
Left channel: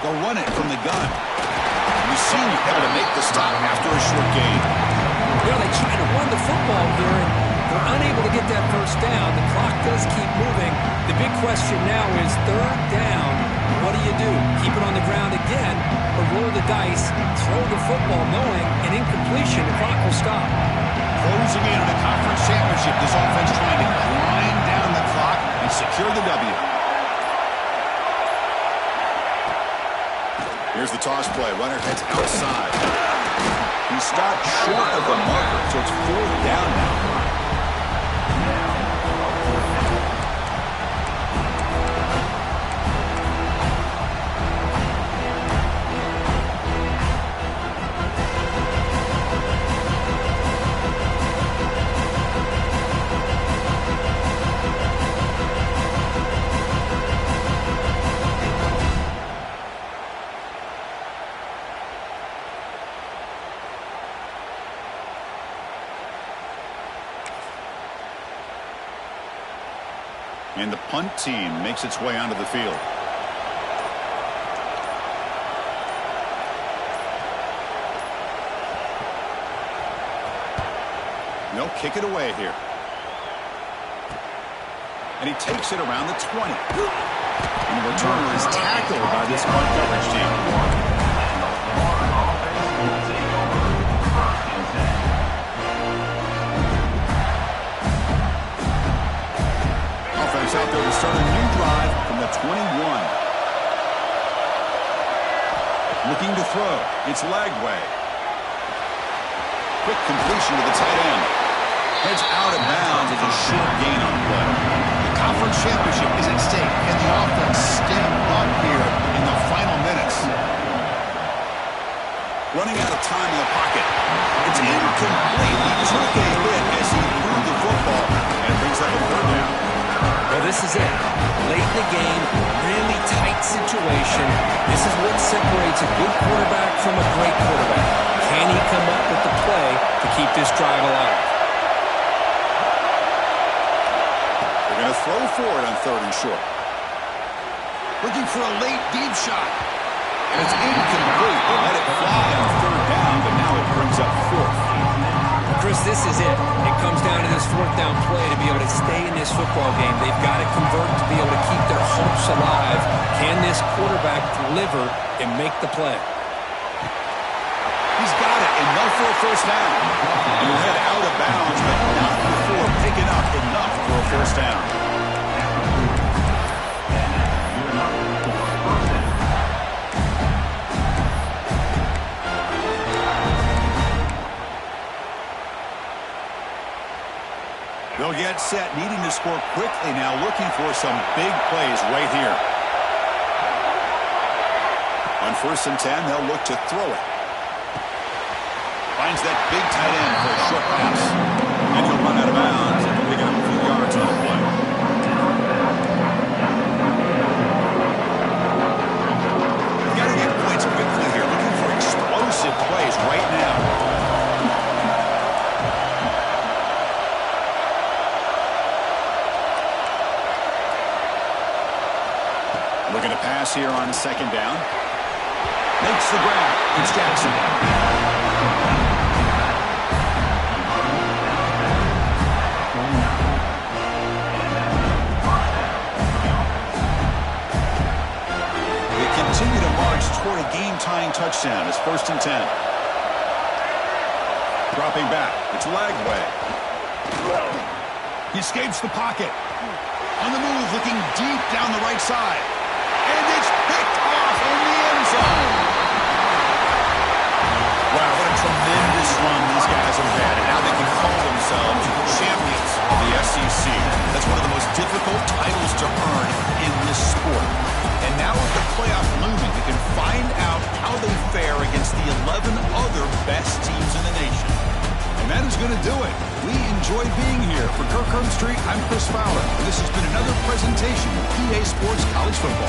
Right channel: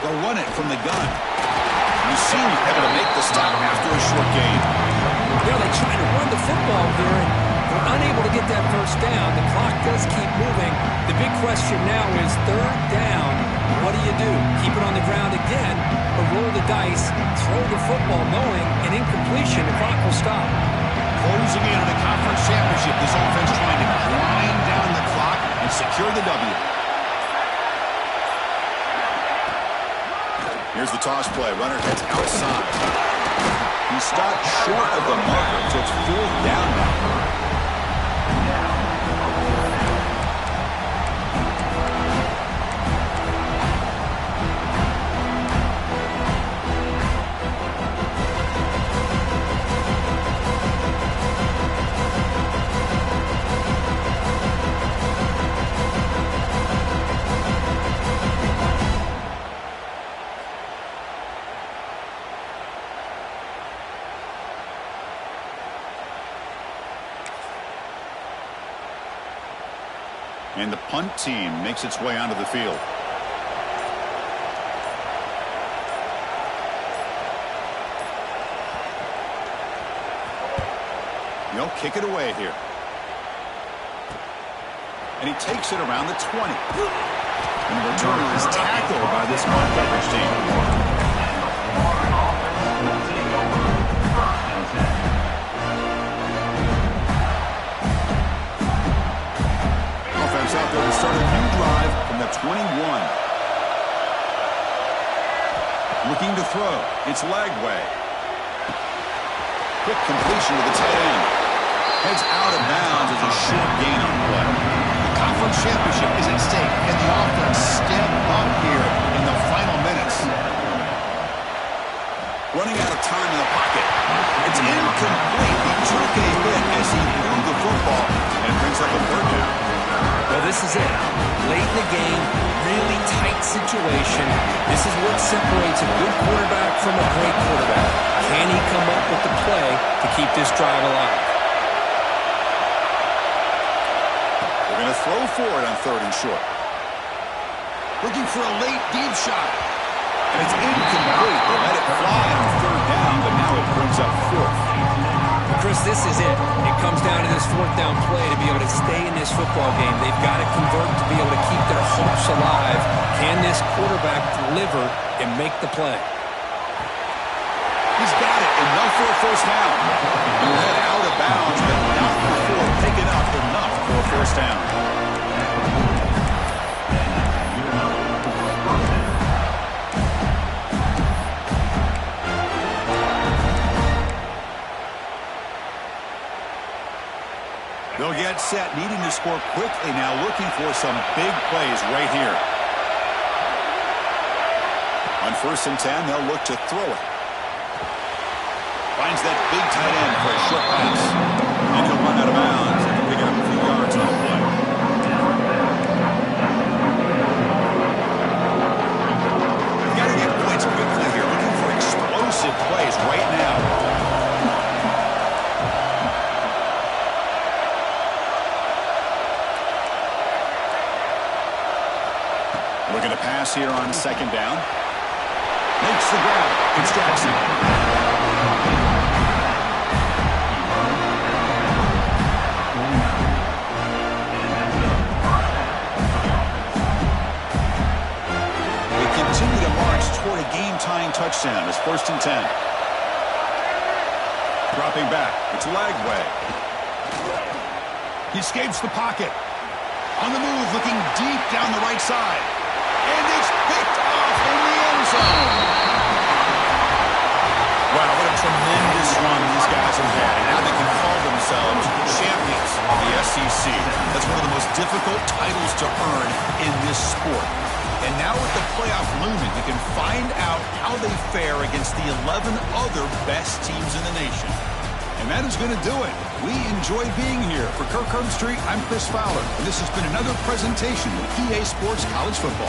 They'll run it from the gun. You see him able to make the stop after a short gain. They try to run the football here, and they're unable to get that 1st down. The clock does keep moving. The big question now is 3rd down. What do you do? Keep it on the ground again, or roll the dice, throw the football, knowing an incompletion, the clock will stop. Closing in on a conference championship, this offense trying to grind down the clock and secure the W. Here's the toss play. Runner heads outside. He stopped short of the marker, so it's 4th down now. And the punt team makes its way onto the field. They'll kick it away here. And he takes it around the 20. And the returner is tackled by this punt coverage team. Out there to start a new drive from the 21. Looking to throw. It's Lagway. Quick completion to the tight end. Heads out of bounds as a short gain on the play. The conference championship is at stake. Can the offense step up here in the final minutes? Running out of time in the pocket. It's incomplete. He took a hit as he threw the football, and it brings up a 3rd down. Well, this is it. Late in the game, really tight situation. This is what separates a good quarterback from a great quarterback. Can he come up with the play to keep this drive alive? They're going to throw for it on 3rd and short. Looking for a late deep shot. And it's incomplete. They let it fly on 3rd down, but now it brings up 4th. Chris, this is it. It comes down to this 4th down play to be able to stay in this football game. They've got to convert to be able to keep their hopes alive. Can this quarterback deliver and make the play? He's got it, enough for a 1st down. He'll head out of bounds, but not before picking up enough for a 1st down. get set, needing to score quickly now, looking for some big plays right here. On 1st and 10, they'll look to throw it. Finds that big tight end for a short pass. And he'll run out of bounds and pick up a few yards on the play. You've got to get points quickly here. Looking for explosive plays right now. Looking to pass here on 2nd down. Makes the grab. It's Jackson. They continue to march toward a game-tying touchdown. It's 1st and 10. Dropping back. It's Lagway. He escapes the pocket. On the move, looking deep down the right side. And it's picked off in the end zone. Wow, what a tremendous run these guys have had. And now they can call themselves champions of the SEC. That's one of the most difficult titles to earn in this sport. And now with the playoff looming, we can find out how they fare against the 11 other best teams in the nation. And that is going to do it. We enjoy being here. For Kirk Herbstreit, I'm Chris Fowler. And this has been another presentation of EA Sports College Football.